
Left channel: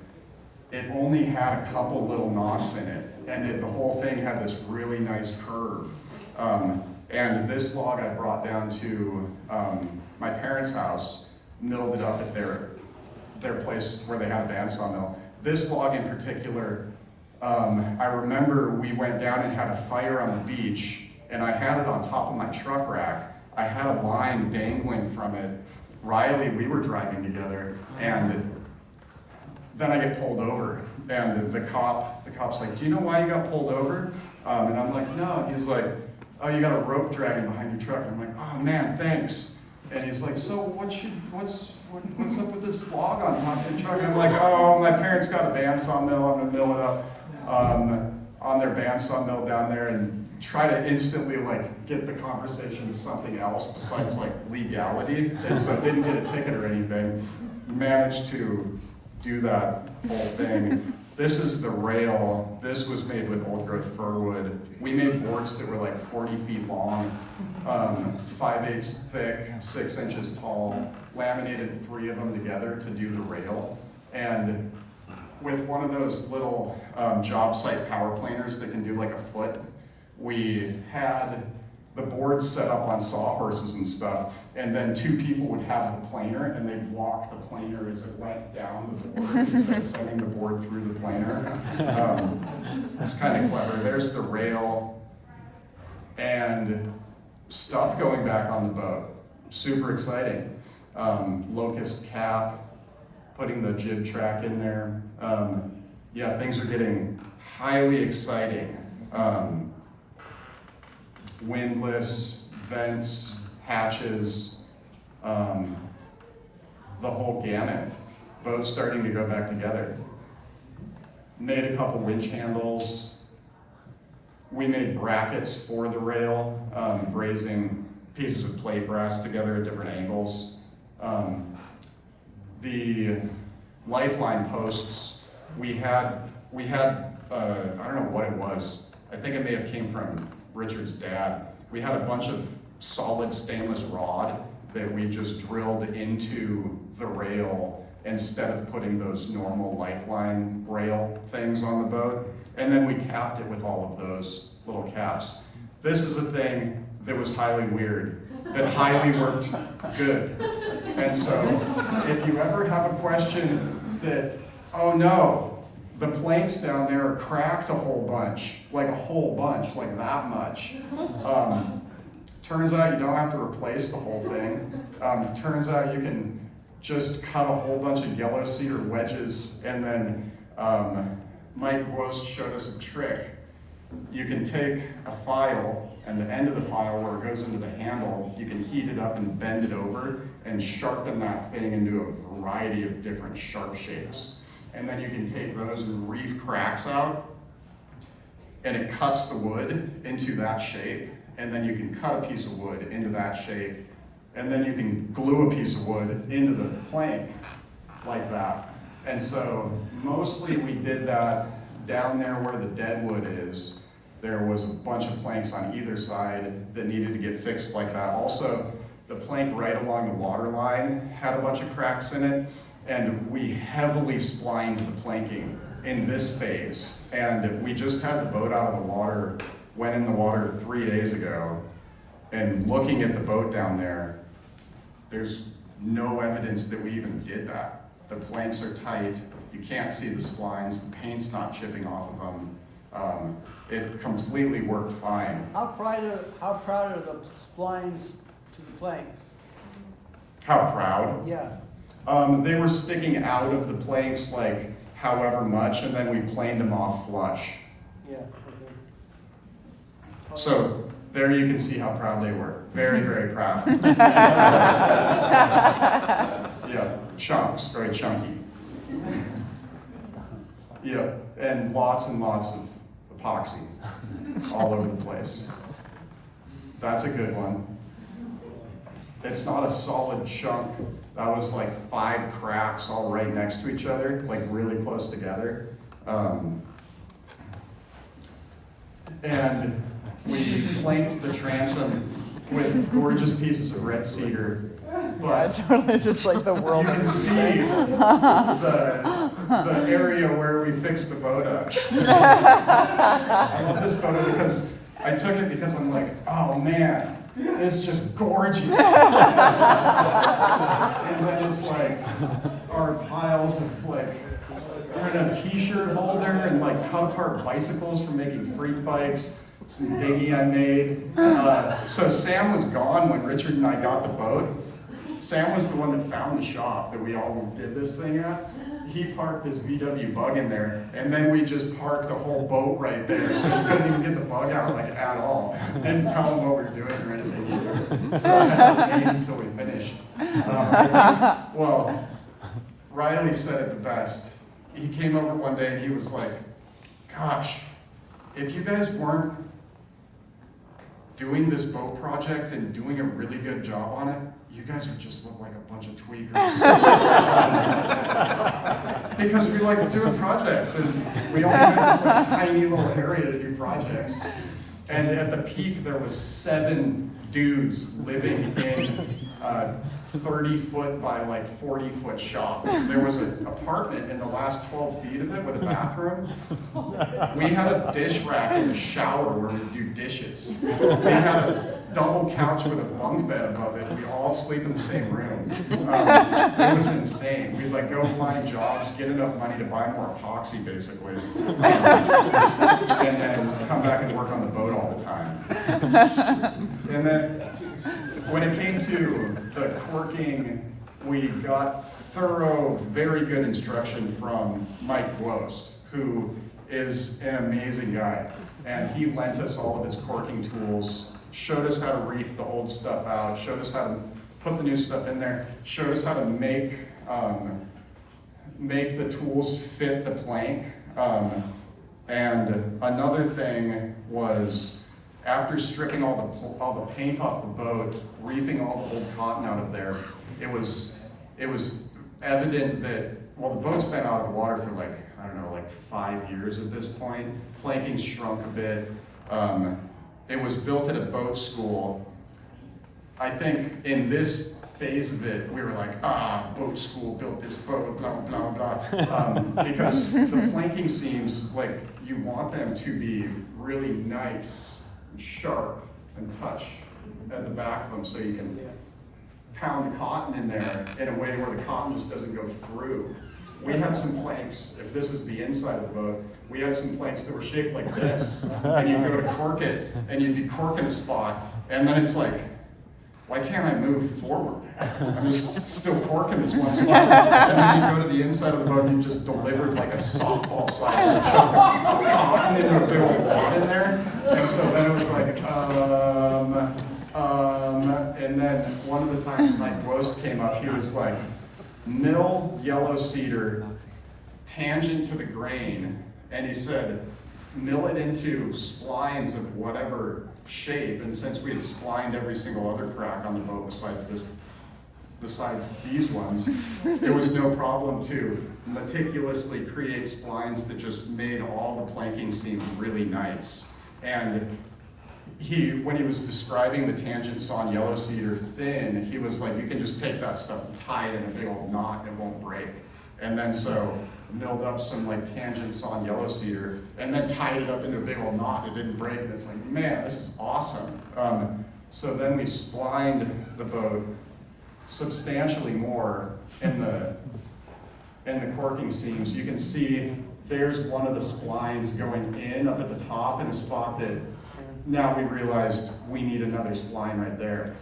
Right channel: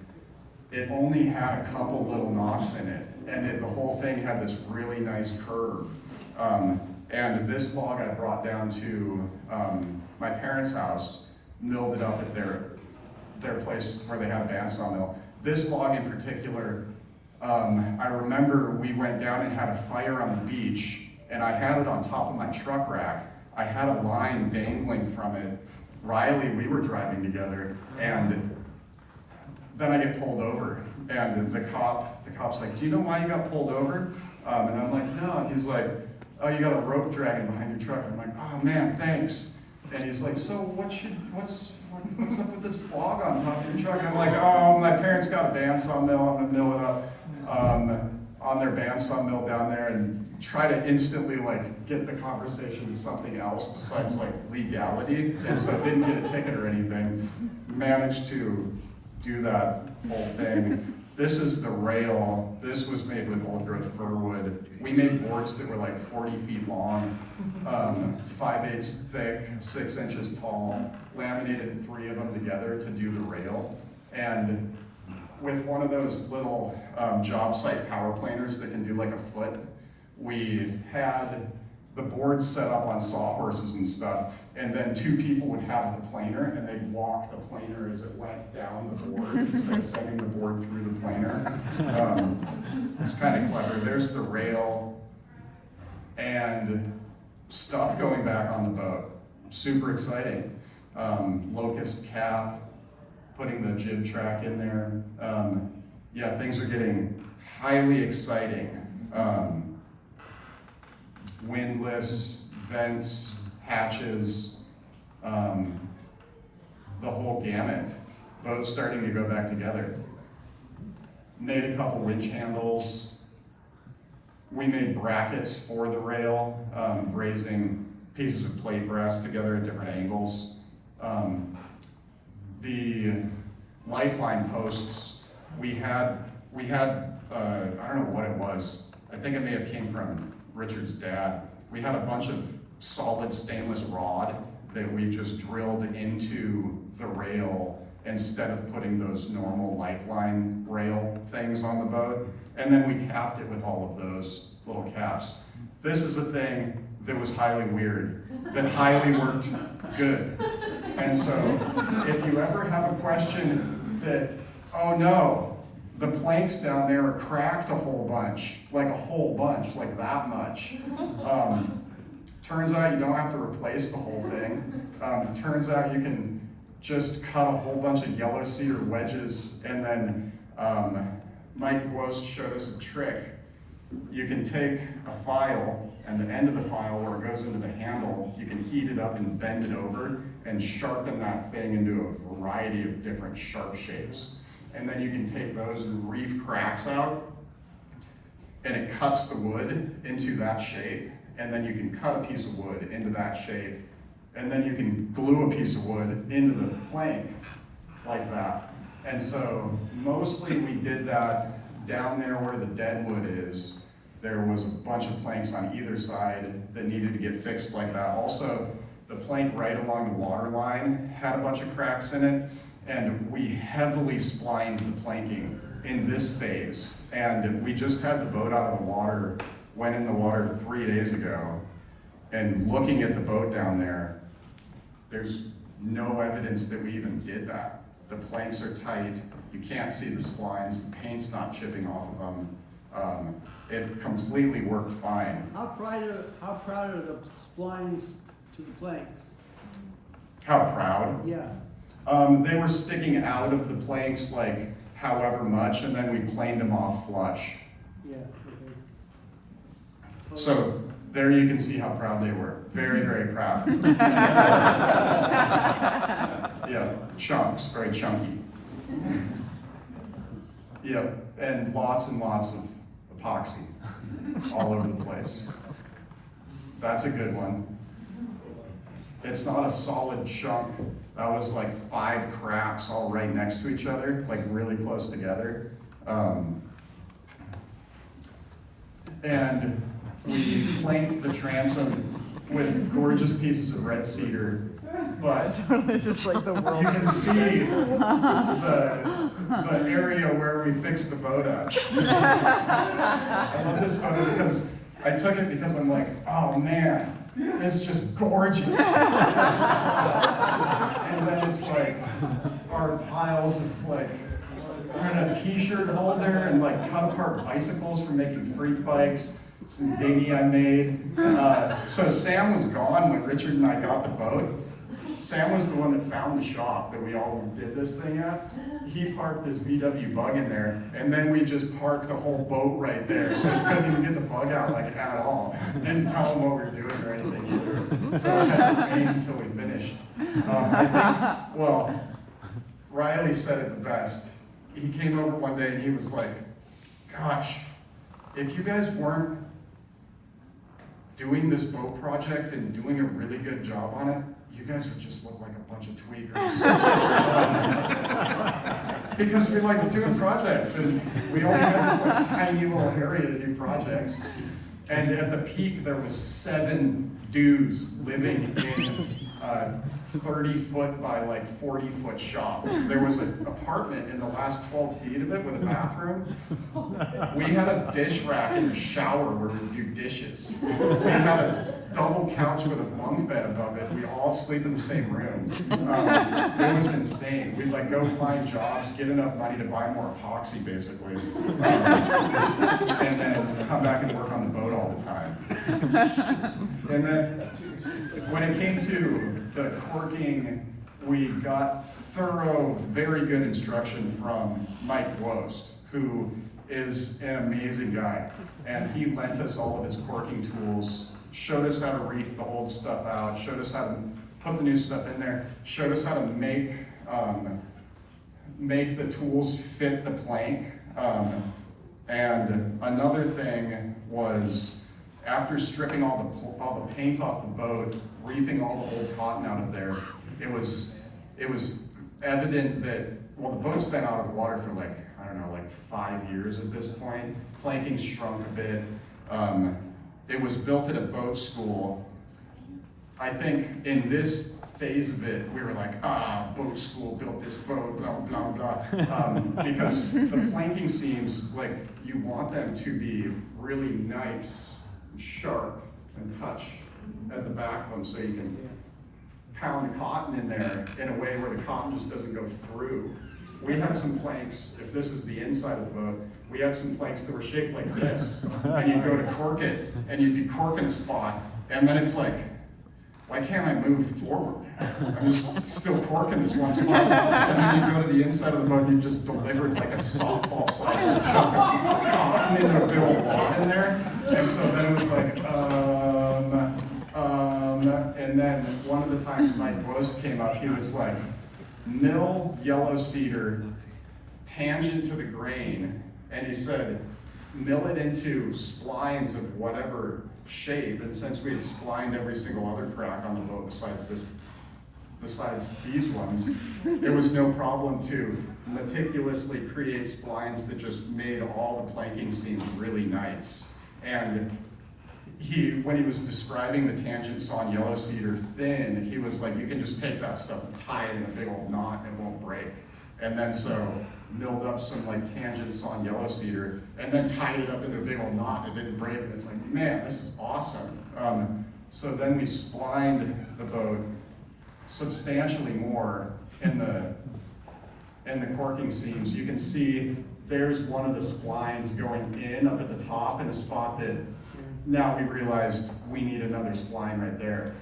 it only had a couple little knots in it, and the whole thing had this really nice curve. And this log I brought down to my parents' house, milled it up at their place where they had a bandsaw mill. This log in particular, I remember we went down and had a fire on the beach, and I had it on top of my truck rack. I had a line dangling from it. Riley, we were driving together, and then I get pulled over, and the cop's like, do you know why you got pulled over? And I'm like, no. And he's like, oh, you got a rope dragging behind your truck. I'm like, oh man, thanks. And he's like, so what's up with this log on top of your truck? I'm like, oh, my parents got a bandsaw mill. I'm gonna mill it up on their bandsaw mill down there, and try to instantly like get the conversation to something else besides like legality. And so didn't get a ticket or anything. Managed to do that whole thing. This is the rail. This was made with old growth fir wood. We made boards that were like 40 feet long, 5/8 thick, 6 inches tall, laminated 3 of them together to do the rail. And with one of those little job site power planers that can do like a foot, we had the boards set up on sawhorses and stuff, and then 2 people would have the planer, and they'd walk the planer as it went down the board instead of sending the board through the planer. It's kind of clever. There's the rail and stuff going back on the boat. Super exciting. Locust cap, putting the jib track in there. Yeah, things are getting highly exciting. Windlass, vents, hatches, the whole gamut. Boats starting to go back together. Made a couple winch handles. We made brackets for the rail, brazing pieces of plate brass together at different angles. The lifeline posts, we had I don't know what it was. I think it may have came from Richard's dad. We had a bunch of solid stainless rod that we just drilled into the rail instead of putting those normal lifeline rail things on the boat. And then we capped it with all of those little caps. This is a thing that was highly weird, that highly worked good. And so if you ever have a question that, oh no, the planks down there are cracked a whole bunch, like that much. Turns out you don't have to replace the whole thing. Turns out you can just cut a whole bunch of yellow cedar wedges, and then Mike Gwost showed us a trick. You can take a file, and the end of the file where it goes into the handle, you can heat it up and bend it over and sharpen that thing into a variety of different sharp shapes. And then you can take those and reef cracks out, and it cuts the wood into that shape, and then you can cut a piece of wood into that shape, and then you can glue a piece of wood into the plank like that. And so mostly we did that down there where the dead wood is. There was a bunch of planks on either side that needed to get fixed like that. Also, the plank right along the water line had a bunch of cracks in it, and we heavily splined the planking in this phase. And we just had the boat out of the water, went in the water 3 days ago, and looking at the boat down there, there's no evidence that we even did that. The planks are tight, you can't see the splines, the paint's not chipping off of them. It completely worked fine. How proud are the splines to the planks? How proud? Yeah. They were sticking out of the planks like however much, and then we planed them off flush. Yeah, okay. So there you can see how proud they were. Very, very proud. Yeah, chunks, very chunky. Yeah, and lots of epoxy all over the place. That's a good one. It's not a solid chunk. That was like 5 cracks all right next to each other, like really close together. And we planked the transom with gorgeous pieces of red cedar, but Just like the world. you can see the area where we fixed the boat up. I love this photo because I took it because I'm like, oh man, it's just gorgeous. And then it's like our piles of like, we're in a t-shirt holder and like cut apart bicycles for making freak bikes. Some dinghy I made. So Sam was gone when Richard and I got the boat. Sam was the one that found the shop that we all did this thing at. He parked this VW bug in there, and then we just parked the whole boat right there, so he couldn't even get the bug out like at all. Didn't tell him what we were doing or anything either. So I had to wait until we finished. Well, Riley said it the best. He came over one day and he was like, gosh, if you guys weren't doing this boat project and doing a really good job on it, you guys would just look like a bunch of tweakers. Because we like doing projects, and we only had this like tiny little area to do projects. And at the peak, there was 7 dudes living in a 30-foot by like 40-foot shop. There was an apartment in the last 12 feet of it with a bathroom. We had a dish rack in the shower where we do dishes. We had a double couch with a bunk bed above it. We all sleep in the same room. It was insane. We'd like go find jobs, get enough money to buy more epoxy basically, and then come back and work on the boat all the time. And then when it came to the corking, we got thorough, very good instruction from Mike Gwost, who is an amazing guy. And he lent us all of his corking tools, showed us how to reef the old stuff out, showed us how to put the new stuff in there, showed us how to make the tools fit the plank. And another thing was, after stripping all the paint off the boat, reefing all the old cotton out of there, it was evident that, well, the boat's been out of the water for like, I don't know, like 5 years at this point. Planking's shrunk a bit. It was built at a boat school. I think in this phase of it, we were like, boat school built this boat, blah, blah, blah. Because the planking seams, like, you want them to be really nice and sharp and touch at the back of them, so you can pound the cotton in there in a way where the cotton just doesn't go through. We had some planks, if this is the inside of the boat, we had some planks that were shaped like this, and you'd go to cork it, and you'd be corking a spot, and then it's like, why can't I move forward? I'm just still corking this one spot. And then you go to the inside of the boat and you just delivered like a softball sized chunk of cotton into a big old wad in there. And so then it was like, and then one of the times Mike Bose came up, he was like, mill yellow cedar, tangent to the grain, and he said, mill it into splines of whatever shape, and since we had splined every single other crack on the boat besides these ones, it was no problem to meticulously create splines that just made all the planking seem really nice. And when he was describing the tangent sawn yellow cedar thin, he was like, you can just take that stuff and tie it in a big old knot and it won't break. And then so milled up some like tangent sawn yellow cedar and then tied it up into a big old knot. It didn't break, and it's like, man, this is awesome. So then we splined the boat substantially more in the corking seams. You can see there's one of the splines going in up at the top in a spot that now we realized we need another spline right there.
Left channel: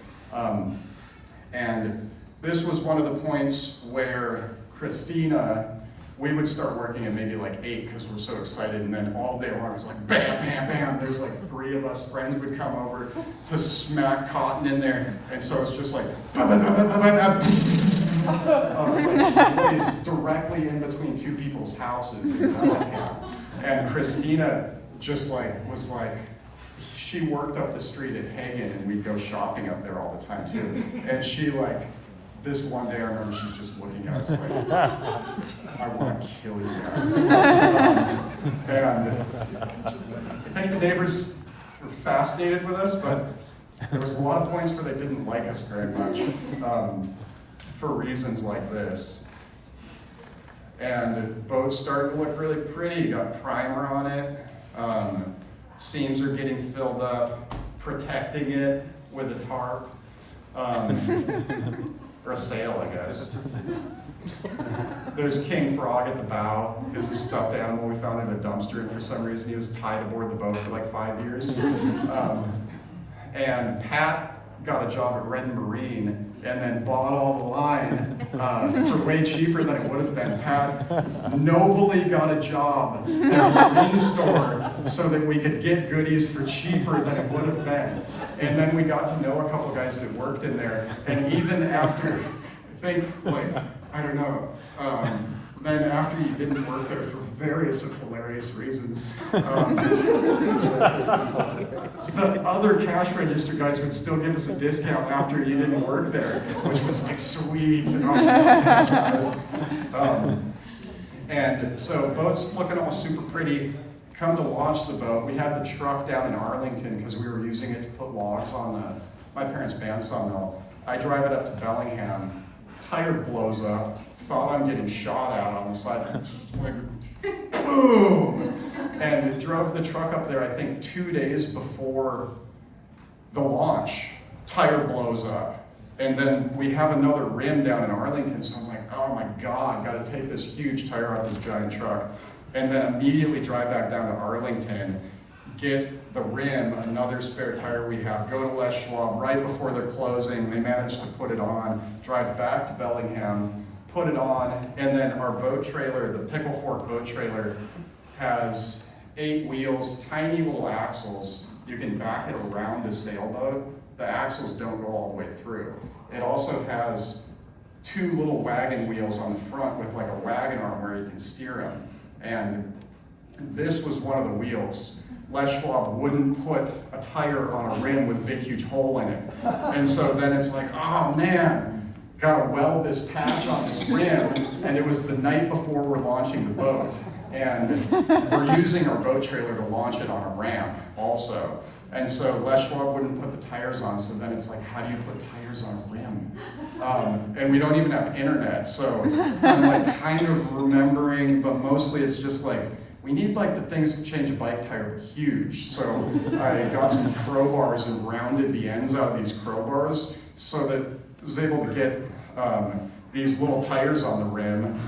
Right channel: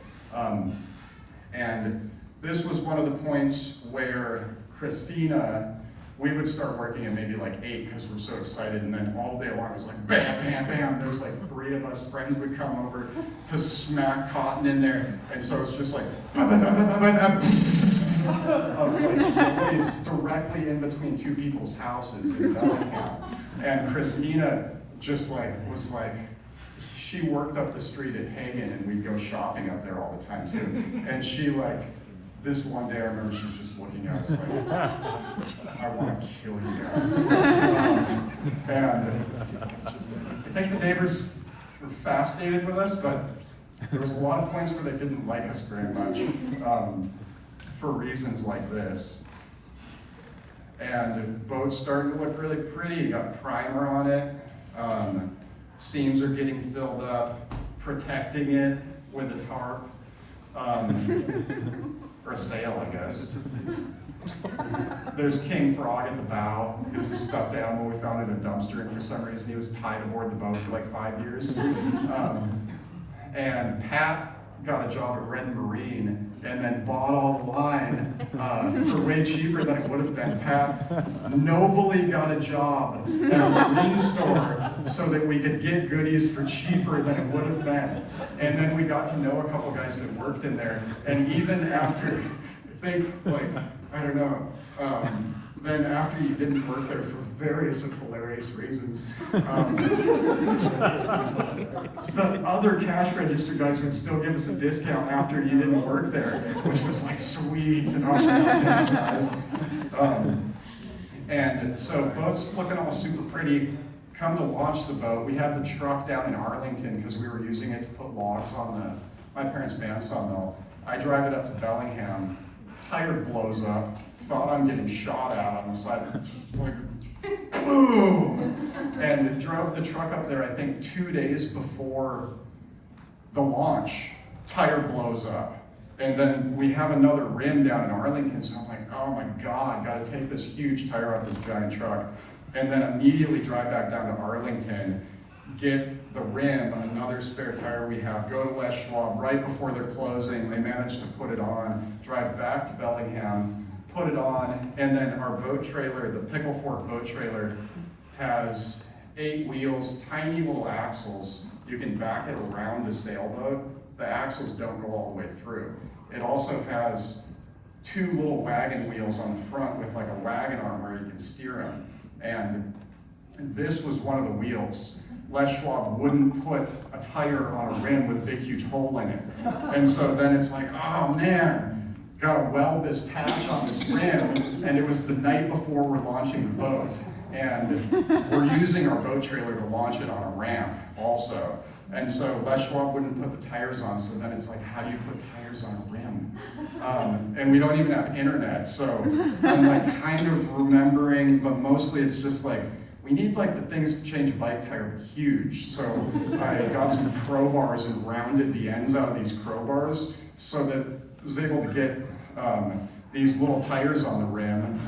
And this was one of the points where Christina, we would start working at maybe like 8 because we're so excited, and then all day long it was like bam, bam, bam. There's like 3 of us friends would come over to smack cotton in there, and so it's just like, it's directly in between 2 people's houses in Bellingham. And Christina just like was like, she worked up the street at Hagen, and we'd go shopping up there all the time too. And she like, this one day I remember she's just looking at us like, I want to kill you guys. And I think the neighbors were fascinated with us, but there was a lot of points where they didn't like us very much for reasons like this. And the boat started to look really pretty. You got primer on it. Seams are getting filled up, protecting it with a tarp. Or a sail, I guess. There's King Frog at the bow. He was a stuffed animal we found in a dumpster, and for some reason he was tied aboard the boat for like 5 years. And Pat got a job at Red Marine and then bought all the line for way cheaper than it would have been. Pat nobly got a job at a marine store so that we could get goodies for cheaper than it would have been. And then we got to know a couple guys that worked in there, and even after, then after you didn't work there for various and hilarious reasons, the other cash register guys would still give us a discount after you didn't work there, which was like sweet and awesome. Thanks, guys. And so boat's looking all super pretty. Come to launch the boat, we had the truck down in Arlington because we were using it to put logs on my parents' band sawmill. I drive it up to Bellingham, tire blows up, thought I'm getting shot out on the side, just like, boom! And drove the truck up there, I think 2 days before the launch, tire blows up. And then we have another rim down in Arlington, so I'm like, oh my God, gotta take this huge tire off this giant truck. And then immediately drive back down to Arlington, get the rim, another spare tire we have, go to Les Schwab right before they're closing. They managed to put it on, drive back to Bellingham, put it on, and then our boat trailer, the Pickle Fork boat trailer, has 8 wheels, tiny little axles. You can back it around a sailboat. The axles don't go all the way through. It also has 2 little wagon wheels on the front with like a wagon arm where you can steer them. And this was one of the wheels. Les Schwab wouldn't put a tire on a rim with a big huge hole in it. And so then it's like, oh man, gotta weld this patch on this rim. And it was the night before we're launching the boat. And we're using our boat trailer to launch it on a ramp also. And so Les Schwab wouldn't put the tires on, so then it's like, how do you put tires on a rim? And we don't even have internet, so I'm like kind of remembering, but mostly it's just like, we need like the things to change a bike tire huge. So I got some crowbars and rounded the ends out of these crowbars so that I was able to get these little tires on the rim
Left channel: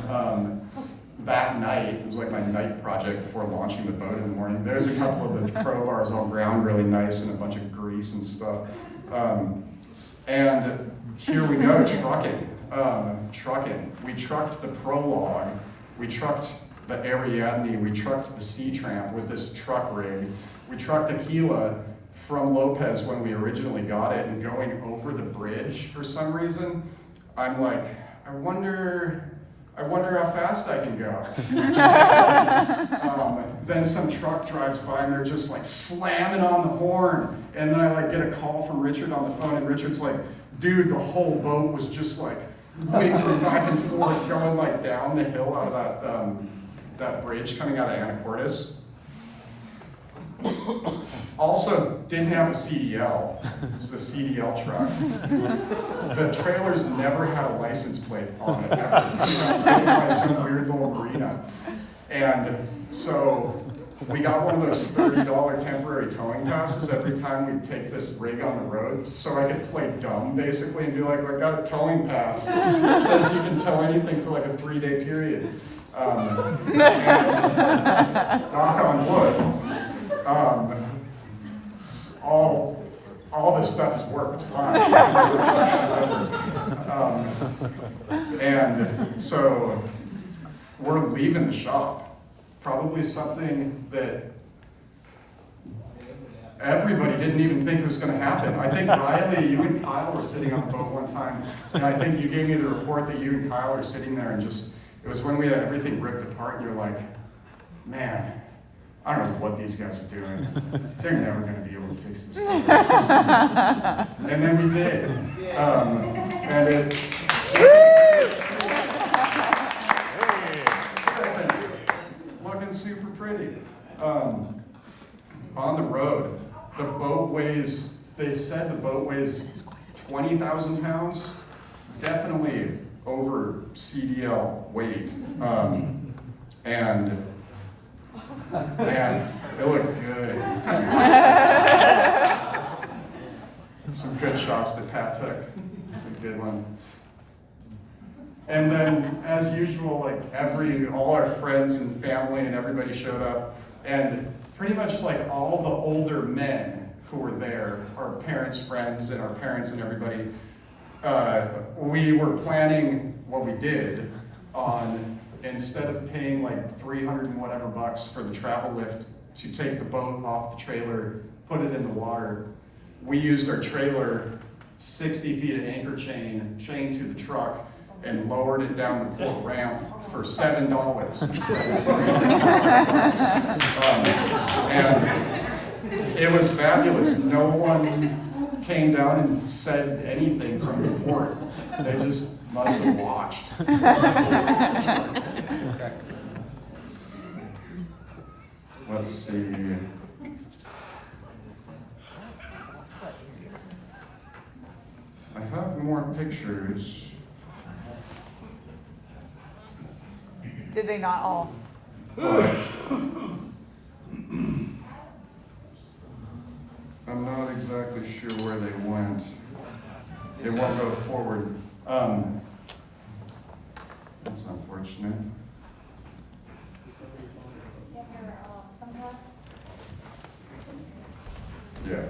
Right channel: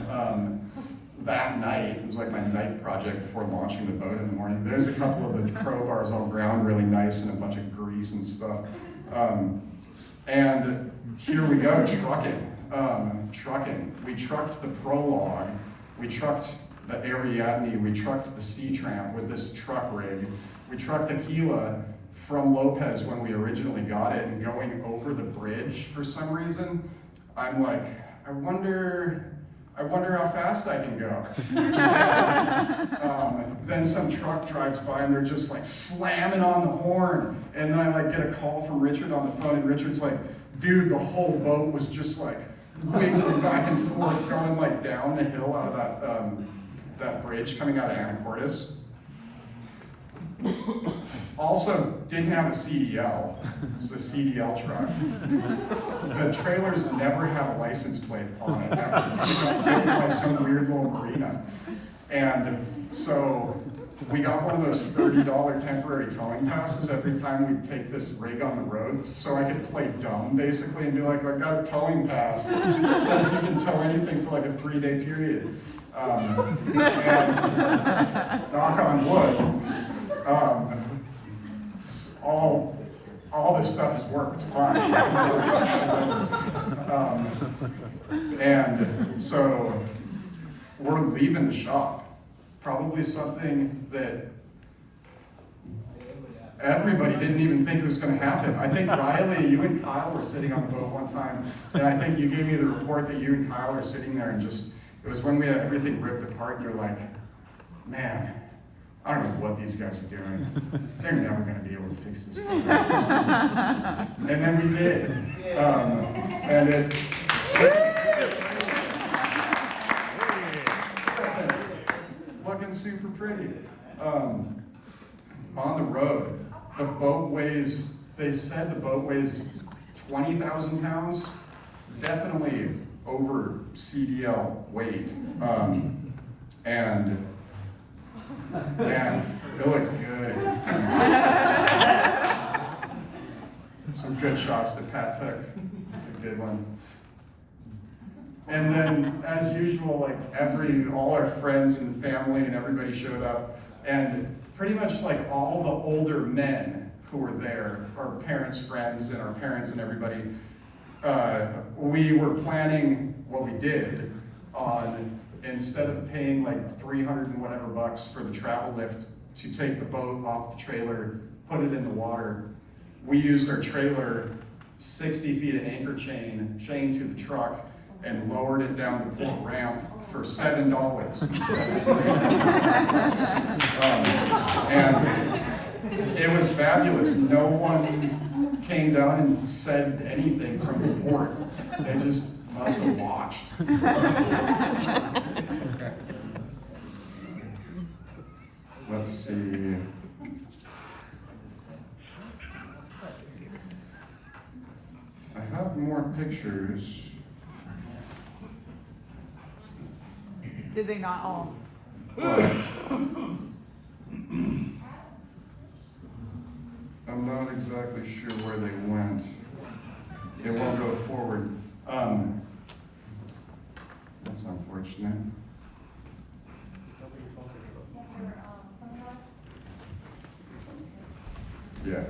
that night. It was like my night project before launching the boat in the morning. There's a couple of the crowbars all ground really nice and a bunch of grease and stuff. And here we go, trucking. Trucking. We trucked the Prologue, we trucked the Ariadne, we trucked the Sea Tramp with this truck rig. We trucked Aquila from Lopez when we originally got it, and going over the bridge for some reason, I'm like, I wonder how fast I can go. Then some truck drives by and they're just like slamming on the horn. And then I like get a call from Richard on the phone, and Richard's like, dude, the whole boat was just like wiggling back and forth, going like down the hill out of that bridge coming out of Anacortes. Also, didn't have a CDL. It was a CDL truck. The trailers never had a license plate on it, ever. By some weird little marina. And so we got one of those $30 temporary towing passes every time we take this rig on the road, so I could play dumb basically and be like, I got a towing pass. It says you can tow anything for like a 3-day period. And knock on wood. All this stuff has worked fine. And so we're leaving the shop. Probably something that everybody didn't even think was going to happen. I think Riley, you and Kyle were sitting on the boat one time, and I think you gave me the report that you and Kyle are sitting there, and just, it was when we had everything ripped apart, and you're like, man, I don't know what these guys are doing. They're never going to be able to fix this boat. And then we did. And it... looking super pretty. On the road, the boat weighs, they said the boat weighs 20,000 pounds. Definitely over CDL weight. And it looked good. Some good shots that Pat took. It's a good one. And then, as usual, like all our friends and family and everybody showed up, and pretty much like all the older men who were there, our parents' friends and our parents and everybody, we were planning what we did on, instead of paying like 300 and whatever bucks for the travel lift to take the boat off the trailer, put it in the water, we used our trailer 60 feet of anchor chained to the truck, and lowered it down the port ramp for $7 instead of and it was fabulous. No one came down and said anything from the port. They just must have watched. Let's see. I have more pictures. Did they not all? But I'm not exactly sure where they went. They won't go forward. That's unfortunate. Yeah.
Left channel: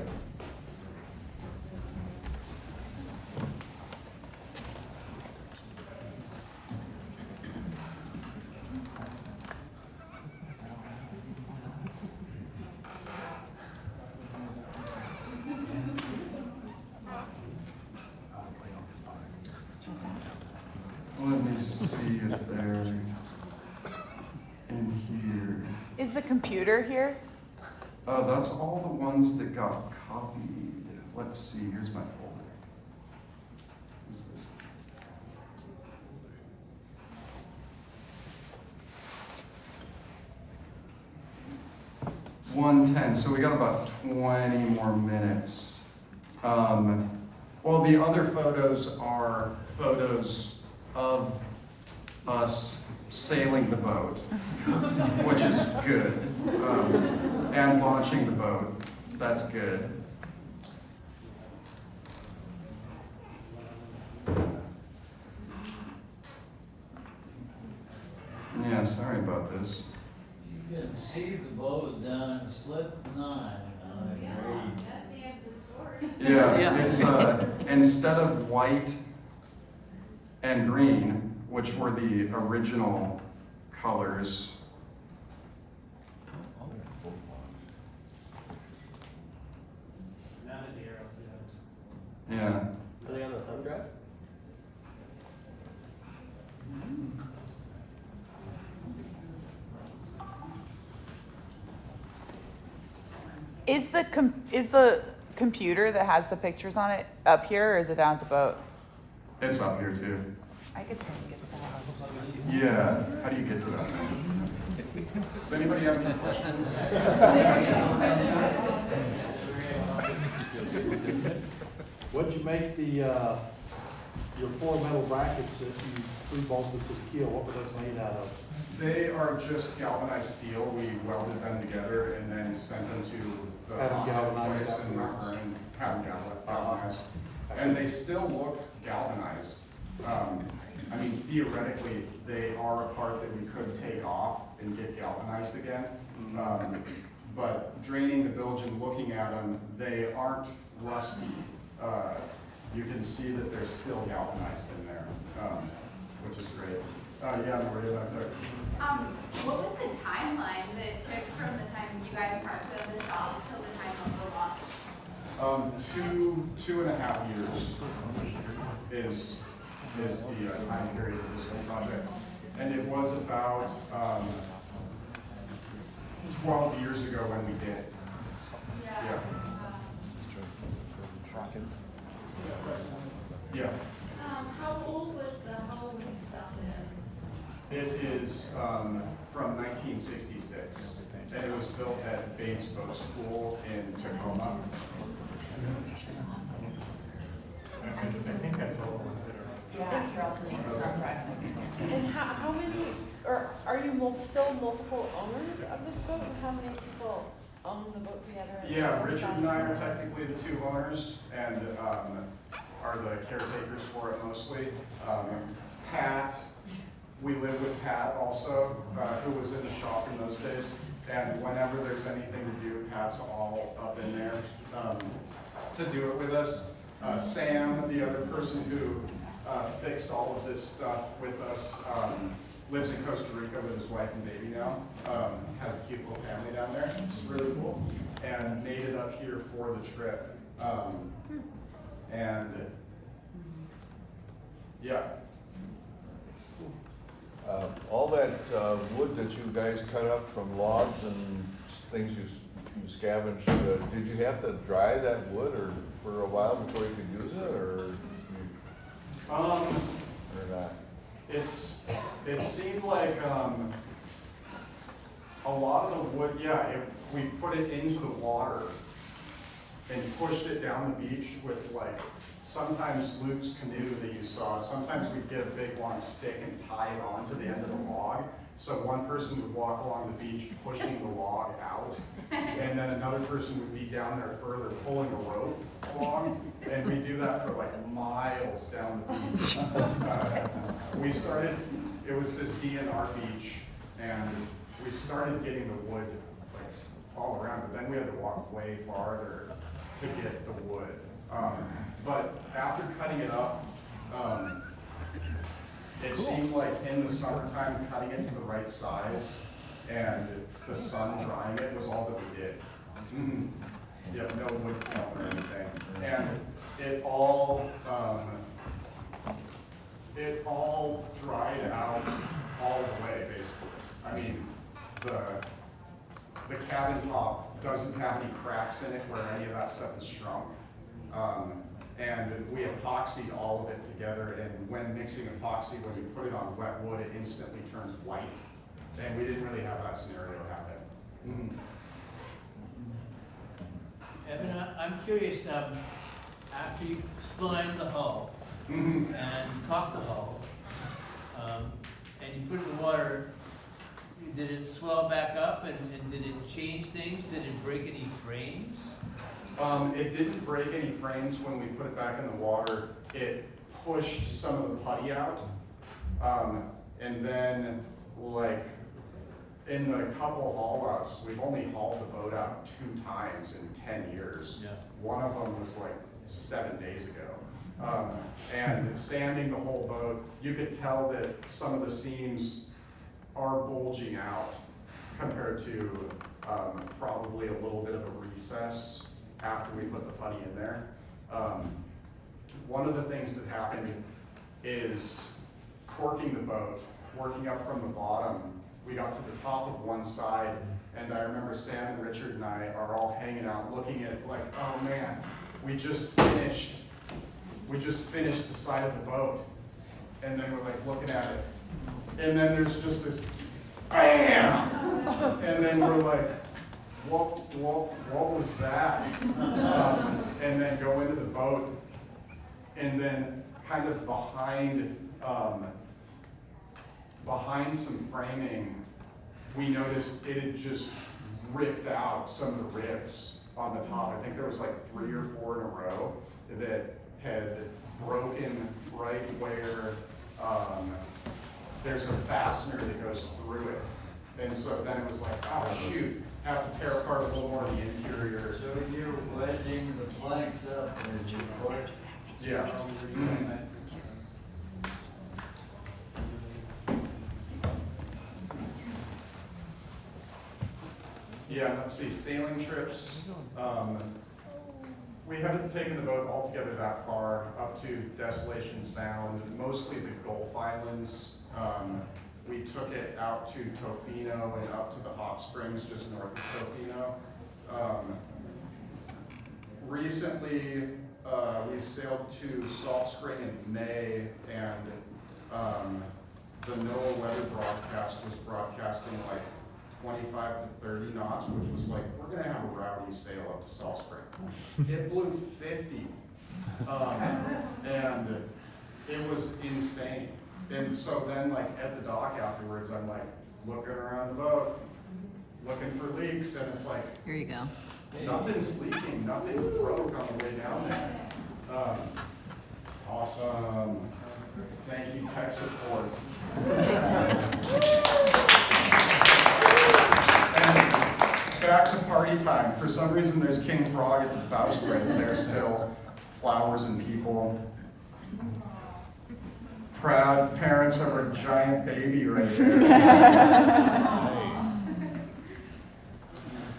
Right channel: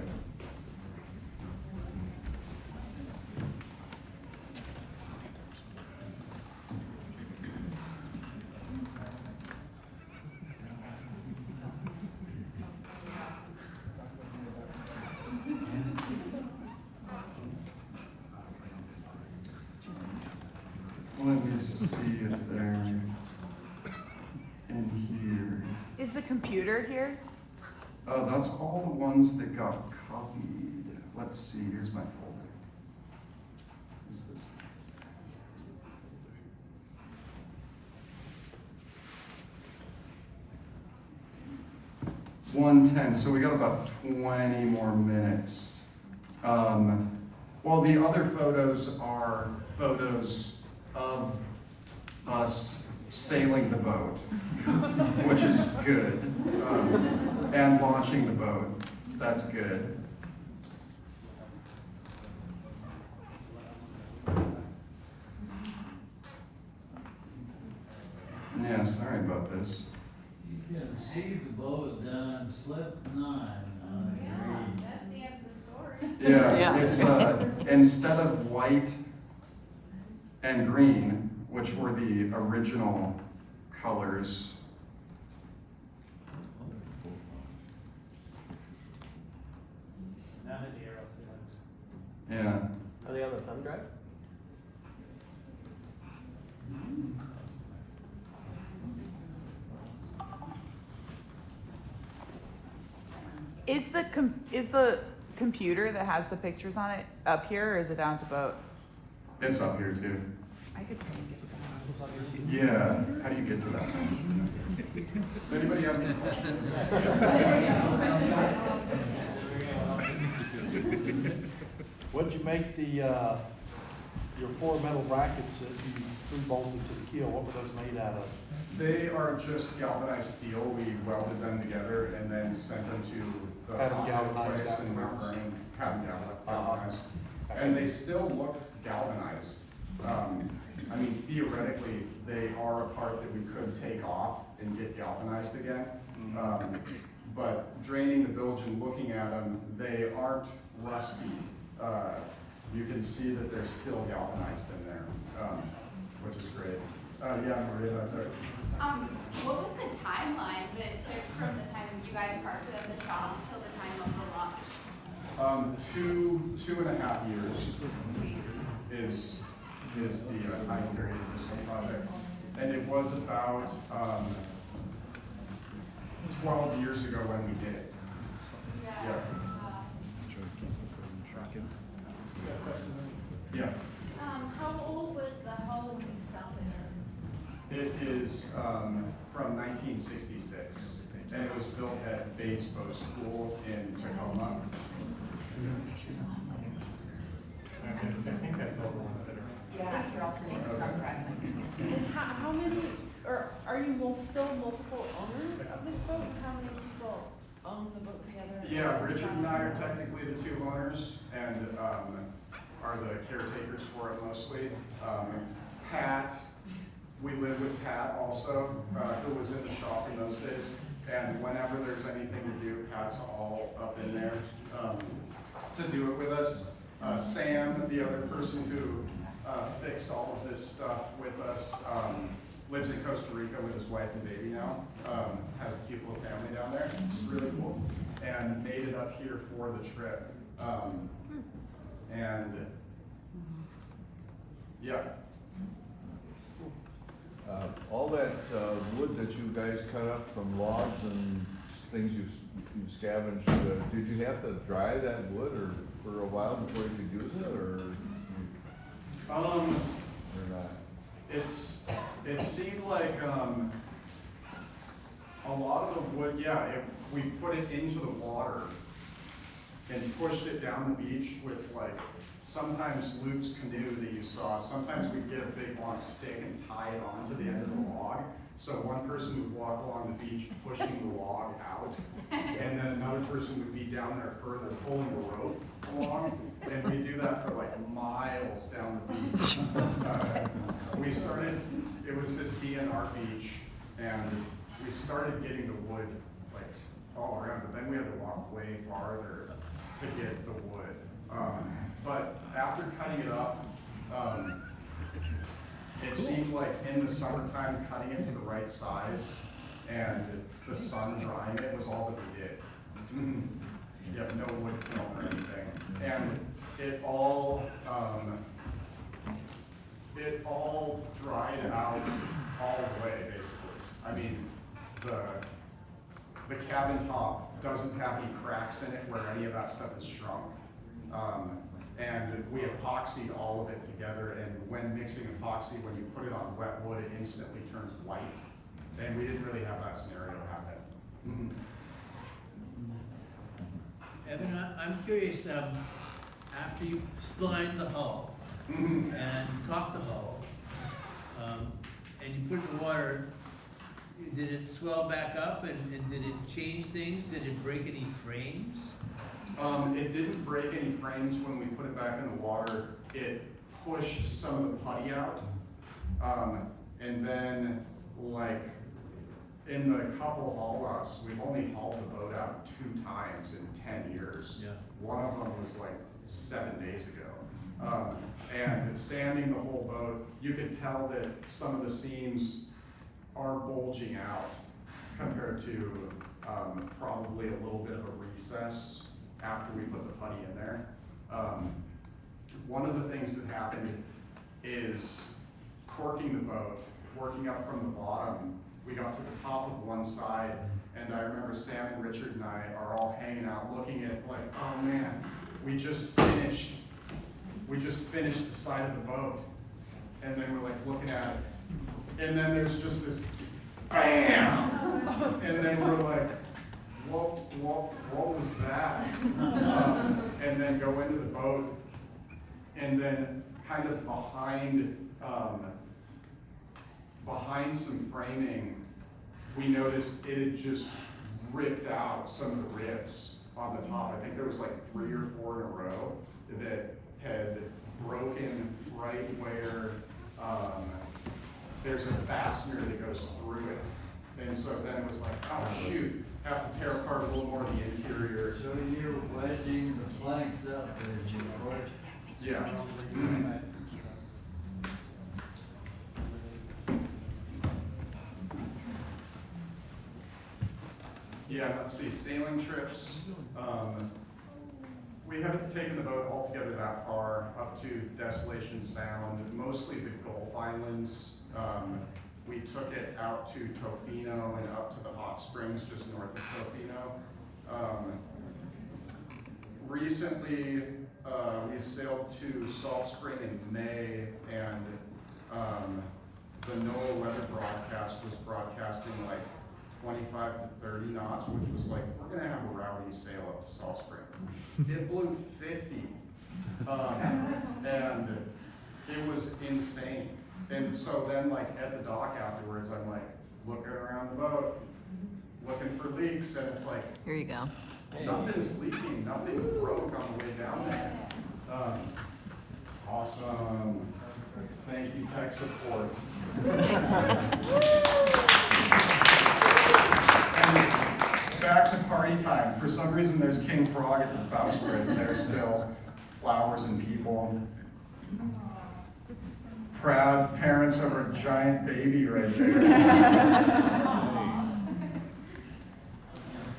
Let me see if they're in here. Is the computer here? That's all the ones that got copied. Let's see, here's my folder. What's this? $1:10, so we got about 20 more minutes. Well, the other photos are photos of us sailing the boat, which is good, and launching the boat, that's good. Yeah, sorry about this. You can see the boat down slip 9 on Yeah, a grade. that's the end of the story. Yeah, Yeah. it's, instead of white and green, which were the original colors. Now hit the arrows, Yeah, Are they on the thumb drive? Is the computer that has the pictures on it up here, or is it down at the boat? it's up here too. I could try to get to that. Yeah, how do you get to that? Does anybody have any questions? What'd you make your 4 metal brackets that you pre-bolted to the keel, what were those made out of? They are just galvanized steel. We welded them together and then sent them to the Had them hot rod galvanized place in Mount afterwards. Vernon, had them galvanized. And they still looked galvanized. I mean, theoretically, they are a part that we could take off and get galvanized again. But draining the bilge and looking at them, they aren't rusty. You can see that they're still galvanized in there, which is great. Yeah, Maria, back there. What was the timeline that it took from the time you guys parked at the shop till the time of the launch? 2.5 years is the time period of this whole project. And it was about 12 years ago when we did it. Yeah. Yeah, How old was the hull when you stuffed it in? it is from 1966, and it was built at Bates Boat School in Tacoma. I think that's all the ones that are. And how many, or are you still multiple owners of this boat? How many people own the boat together? Yeah, Richard and I are technically the 2 owners and are the caretakers for it mostly. Pat, we live with Pat also, who was in the shop in those days. And whenever there's anything to do, Pat's all up in there to do it with us. Sam, the other person who fixed all of this stuff with us, lives in Costa Rica with his wife and baby now. Has a cute little family down there. It's really cool. And made it up here for the trip. And yeah, All that wood that you guys cut up from logs and things you scavenged, did you have to dry that wood or for a while before you could use it, or not? it seemed like a lot of the wood, we put it into the water and pushed it down the beach with like, sometimes Luke's canoe that you saw, sometimes we'd get a big long stick and tie it onto the end of the log. So one person would walk along the beach pushing the log out, and then another person would be down there further pulling a rope along, and we'd do that for like miles down the beach. We started, it was this DNR beach, and we started getting the wood like all around, but then we had to walk way farther to get the wood. But after cutting it up, it seemed like in the summertime, cutting it to the right size and the sun drying it was all that we did. Yep, no wood kiln or anything. And it all dried out all the way, basically. I mean, the cabin top doesn't have any cracks in it where any of that stuff is shrunk. And we epoxied all of it together, and when mixing epoxy, when you put it on wet wood, it instantly turns white. And we didn't really have that scenario happen. Eben, I'm curious, after you splined the hull Mm-hmm. and caulked the hull, and you put it in the water, did it swell back up and did it change things? Did it break any frames? It didn't break any frames when we put it back in the water. It pushed some of the putty out. And then, like, in the couple haul outs, we've only hauled the boat out 2 times in 10 years. Yeah. One of them was like 7 days ago. And sanding the whole boat, you could tell that some of the seams are bulging out compared to probably a little bit of a recess after we put the putty in there. One of the things that happened is corking the boat, working up from the bottom. We got to the top of one side, and I remember Sam and Richard and I are all hanging out looking at like, oh man, we just finished the side of the boat. And then we're like looking at it. And then there's just this BAM! And then we're like, what was that? And then go into the boat, and then kind of behind some framing, we noticed it had just ripped out some of the ribs on the top. I think there was like 3 or 4 in a row that had broken right where there's a fastener that goes through it. And so then it was like, oh shoot, have to tear apart a little more of the interior. So you're wedging the planks up as you put it? Yeah. Mhm. Yeah, let's see, sailing trips. We haven't taken the boat altogether that far, up to Desolation Sound, mostly the Gulf Islands. We took it out to Tofino and up to the hot springs just north of Tofino. Recently, we sailed to Salt Spring in May, and the NOAA weather broadcast was broadcasting like 25 to 30 knots, which was like, we're gonna have a rowdy sail up to Salt Spring. It blew 50, and it was insane. And so then like at the dock afterwards, I'm like looking around the boat, looking for leaks, and it's like, Here you go. nothing's leaking, nothing broke on the way down there. Awesome. Thank you, tech support. And back to party time. For some reason, there's King Frog at the bowsprit, and there's still flowers and people. Proud parents of our giant baby right there.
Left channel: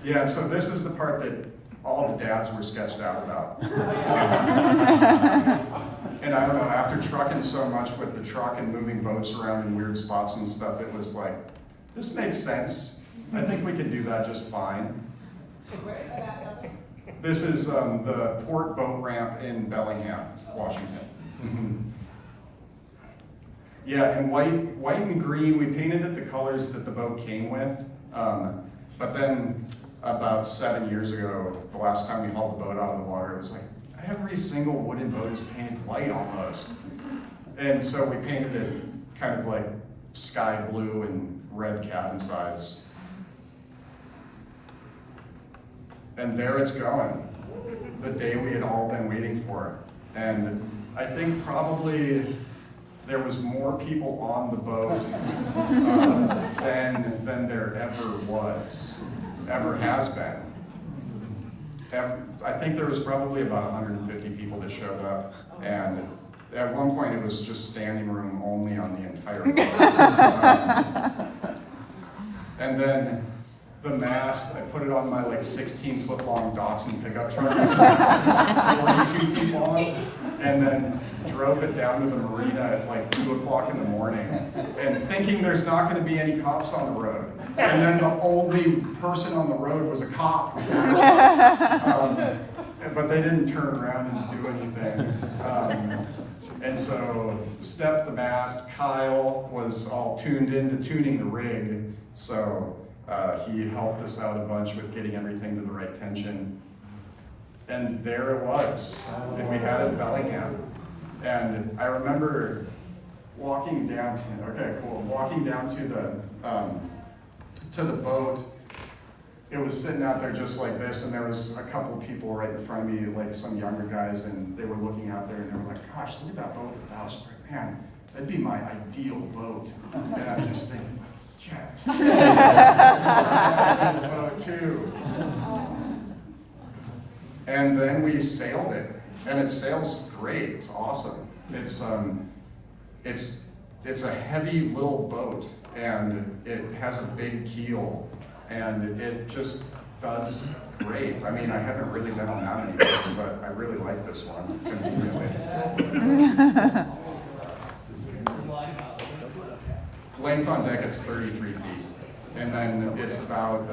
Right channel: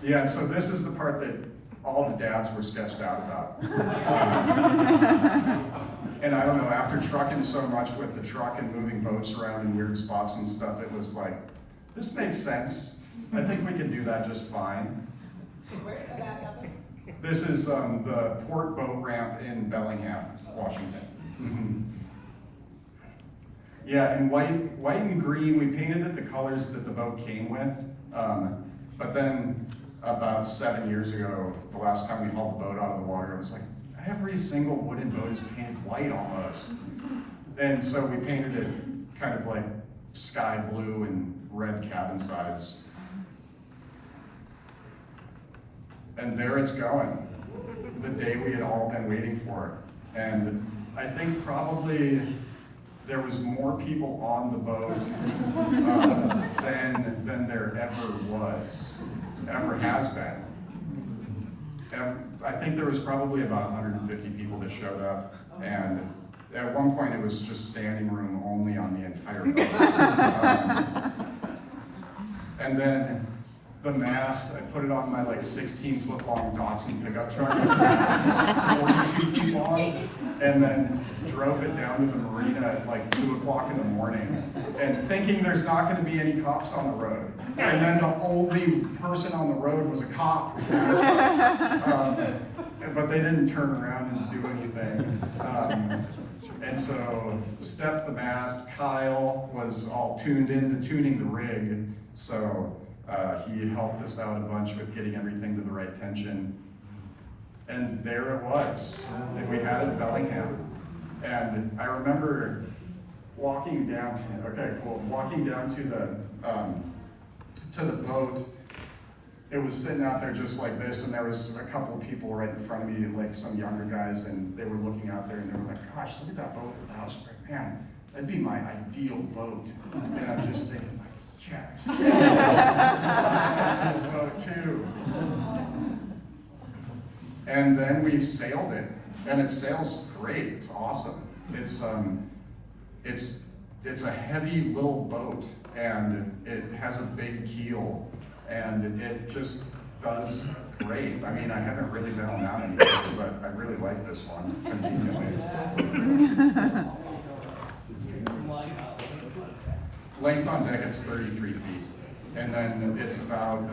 Yeah, so this is the part that all the dads were sketched out about. And I don't know, after trucking so much with the truck and moving boats around in weird spots and stuff, it was like, this makes sense. I think we can do that just fine. This is the port boat ramp in Bellingham, Washington. Mm-hmm. Yeah, in white and green, we painted it the colors that the boat came with. But then about 7 years ago, the last time we hauled the boat out of the water, it was like, every single wooden boat is painted white almost. And so we painted it kind of like sky blue and red cabin sides. And there it's going, the day we had all been waiting for. And I think probably there was more people on the boat than there ever has been. I think there was probably about 150 people that showed up, and at one point it was just standing room only on the entire boat. And then the mast, I put it on my like 16-foot long Datsun pickup truck. The mast is 42 feet long, and then drove it down to the marina at like 2 o'clock in the morning, and thinking there's not going to be any cops on the road. And then the only person on the road was a cop. But they didn't turn around and do anything. And so stepped the mast. Kyle was all tuned into tuning the rig, so he helped us out a bunch with getting everything to the right tension. And there it was, and we had it in Bellingham. And I remember walking down to, okay, cool, walking down to the boat, it was sitting out there just like this, and there was a couple of people right in front of me, like some younger guys, and they were looking out there, and they were like, gosh, look at that boat with the bowsprit, man, that'd be my ideal boat. And I'm just thinking, like, yes. I want a boat too. And then we sailed it, and it sails great, it's awesome. It's a heavy little boat, and it has a big keel, and it just does great. I mean, I haven't really been on that many boats, but I really like this one. Length on deck, it's 33 feet, and then it's about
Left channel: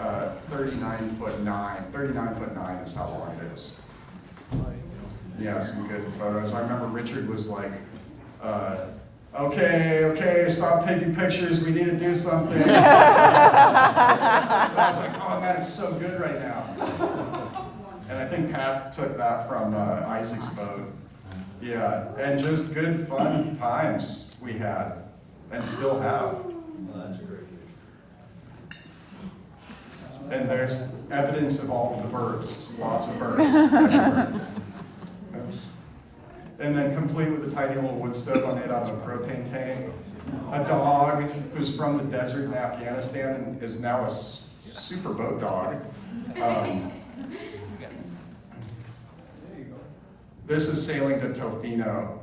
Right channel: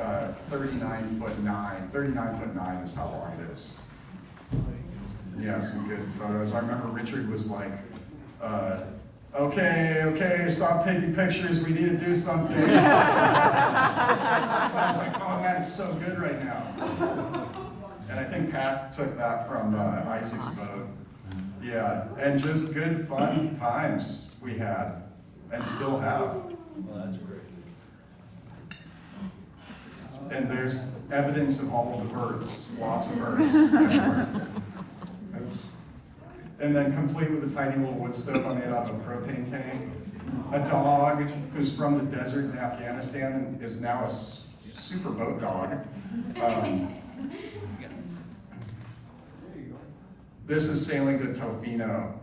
39'9" is how long it is. Yeah, some good photos. I remember Richard was like, okay, stop taking pictures, we need to do something. I was like, oh man, it's so good right now. And I think Pat took that from Isaac's boat. Yeah, and just good fun times we had, and still have. And there's evidence of all of the birds, lots of birds everywhere. And then complete with a tiny little wood stove I made out of a propane tank. A dog who's from the desert in Afghanistan and is now a super boat dog. This is sailing to Tofino.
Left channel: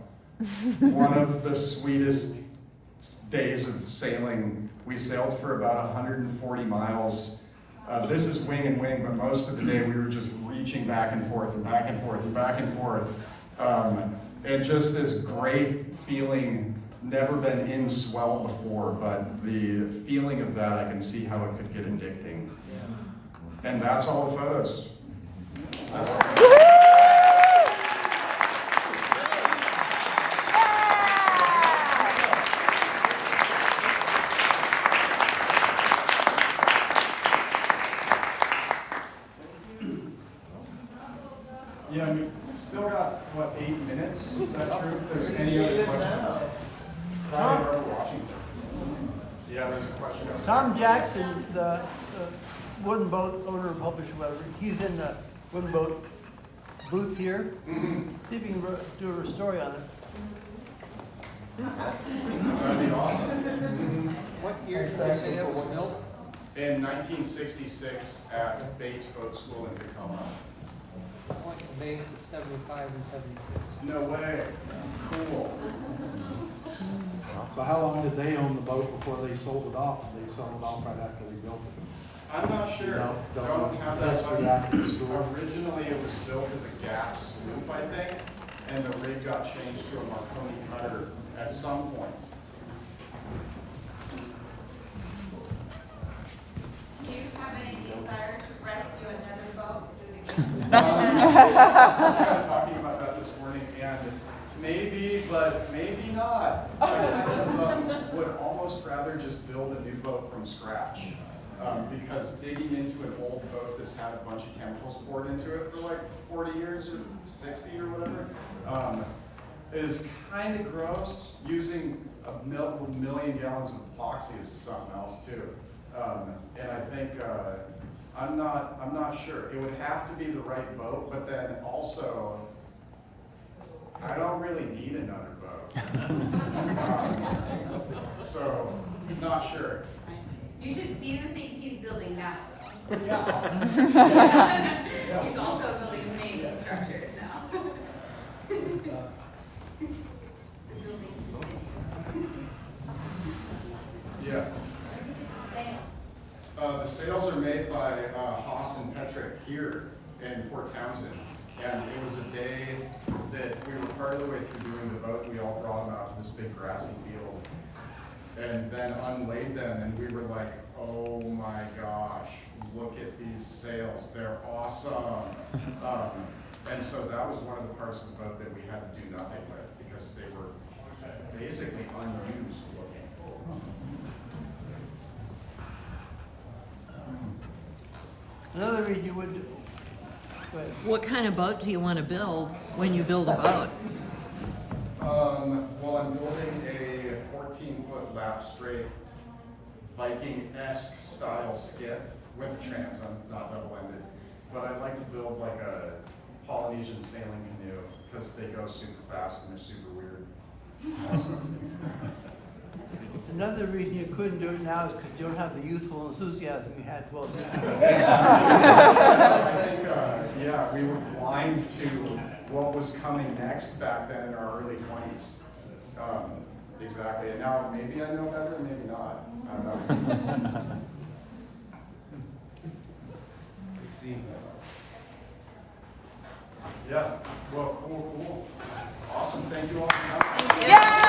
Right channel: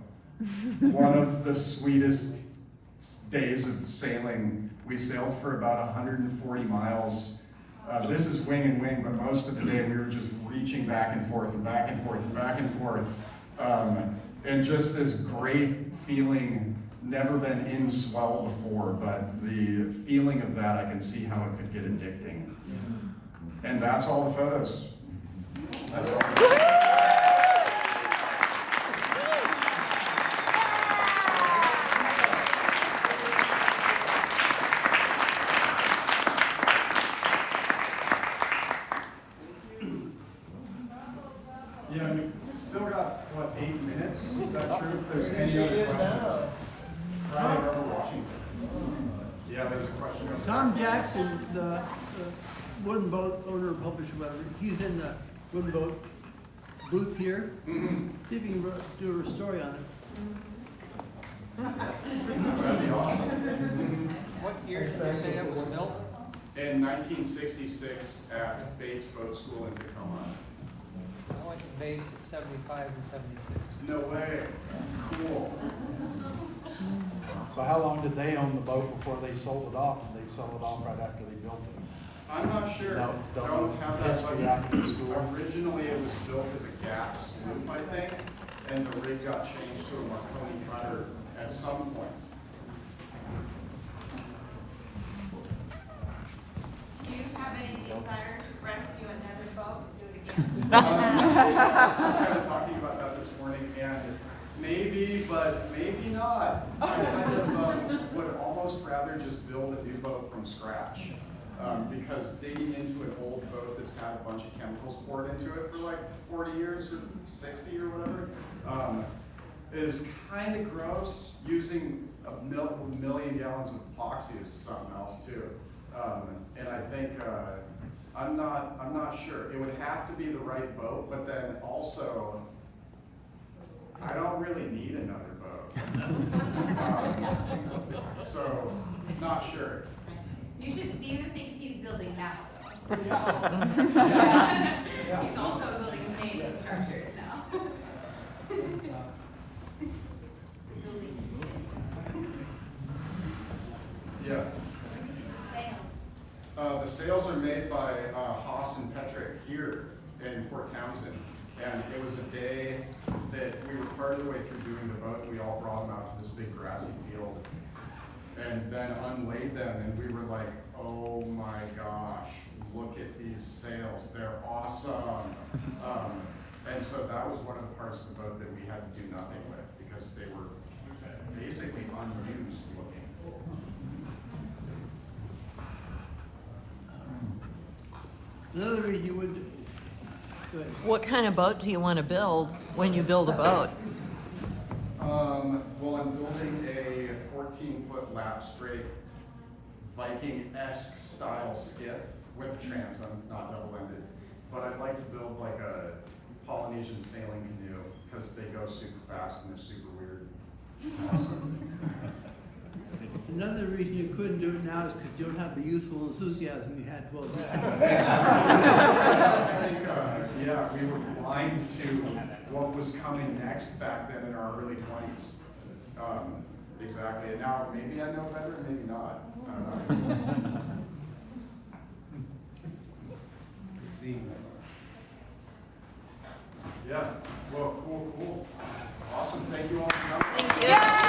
One of the sweetest days of sailing. We sailed for about 140 miles. This is wing and wing, but most of the day we were just reaching back and forth and back and forth and back and forth. And just this great feeling, never been in swell before, but the feeling of that, I can see how it could get addicting. And that's all the photos. That's all. Yeah, we still got, what, 8 minutes? Is that true? If there's any other questions? Friday, Robert Washington. Yeah, there's a question over there. Tom Jackson, the wooden boat owner and publisher, he's in the wooden boat booth here. Mm-hmm. See if you can do a story on it. That'd be awesome. What year did you say it was built? In 1966 at Bates Boat School in Tacoma. What banks at 75 and 76? No way. Cool. So how long did they own the boat before they sold it off? And they sold it off right after they built it? I'm not sure. No, I don't have that. that's for the after school. Originally, it was built as a gap sloop, I think, and the rig got changed to a Marconi cutter at some point. Do you have any desire to rescue another boat? Do it again? Yeah, I was kind of talking about that this morning, and maybe, but maybe not. I kind of would almost rather just build a new boat from scratch. Because digging into an old boat that's had a bunch of chemicals poured into it for like 40 years or 60 or whatever, is kind of gross. Using a million gallons of epoxy is something else too. And I think, I'm not sure. It would have to be the right boat, but then also, I don't really need another boat. So, not sure. You should see the things he's building now, though. Yeah. He's also building amazing structures now. The building Yeah. sales. The sails are made by Haas and Petrick here in Port Townsend. And it was a day that we were part of the way through doing the boat. We all brought them out to this big grassy field and then unlaid them. And we were like, oh my gosh, look at these sails. They're awesome. And so that was one of the parts of the boat that we had to do nothing with because they were basically unused looking. Another reason you would, What kind of boat do you want to build when you build a boat? Well, I'm building a a 14-foot lap straight Viking-esque style skiff with a transom, not double-ended. But I'd like to build like a Polynesian sailing canoe because they go super fast and they're super weird. Also. Another reason you couldn't do it now is because you don't have the youthful enthusiasm you had 12 years ago. I think, yeah, we were blind to what was coming next back then in our early 20s. Exactly, and now maybe I know better, maybe not. I don't know. Yeah, well, cool. Awesome, thank you all for coming. Yeah.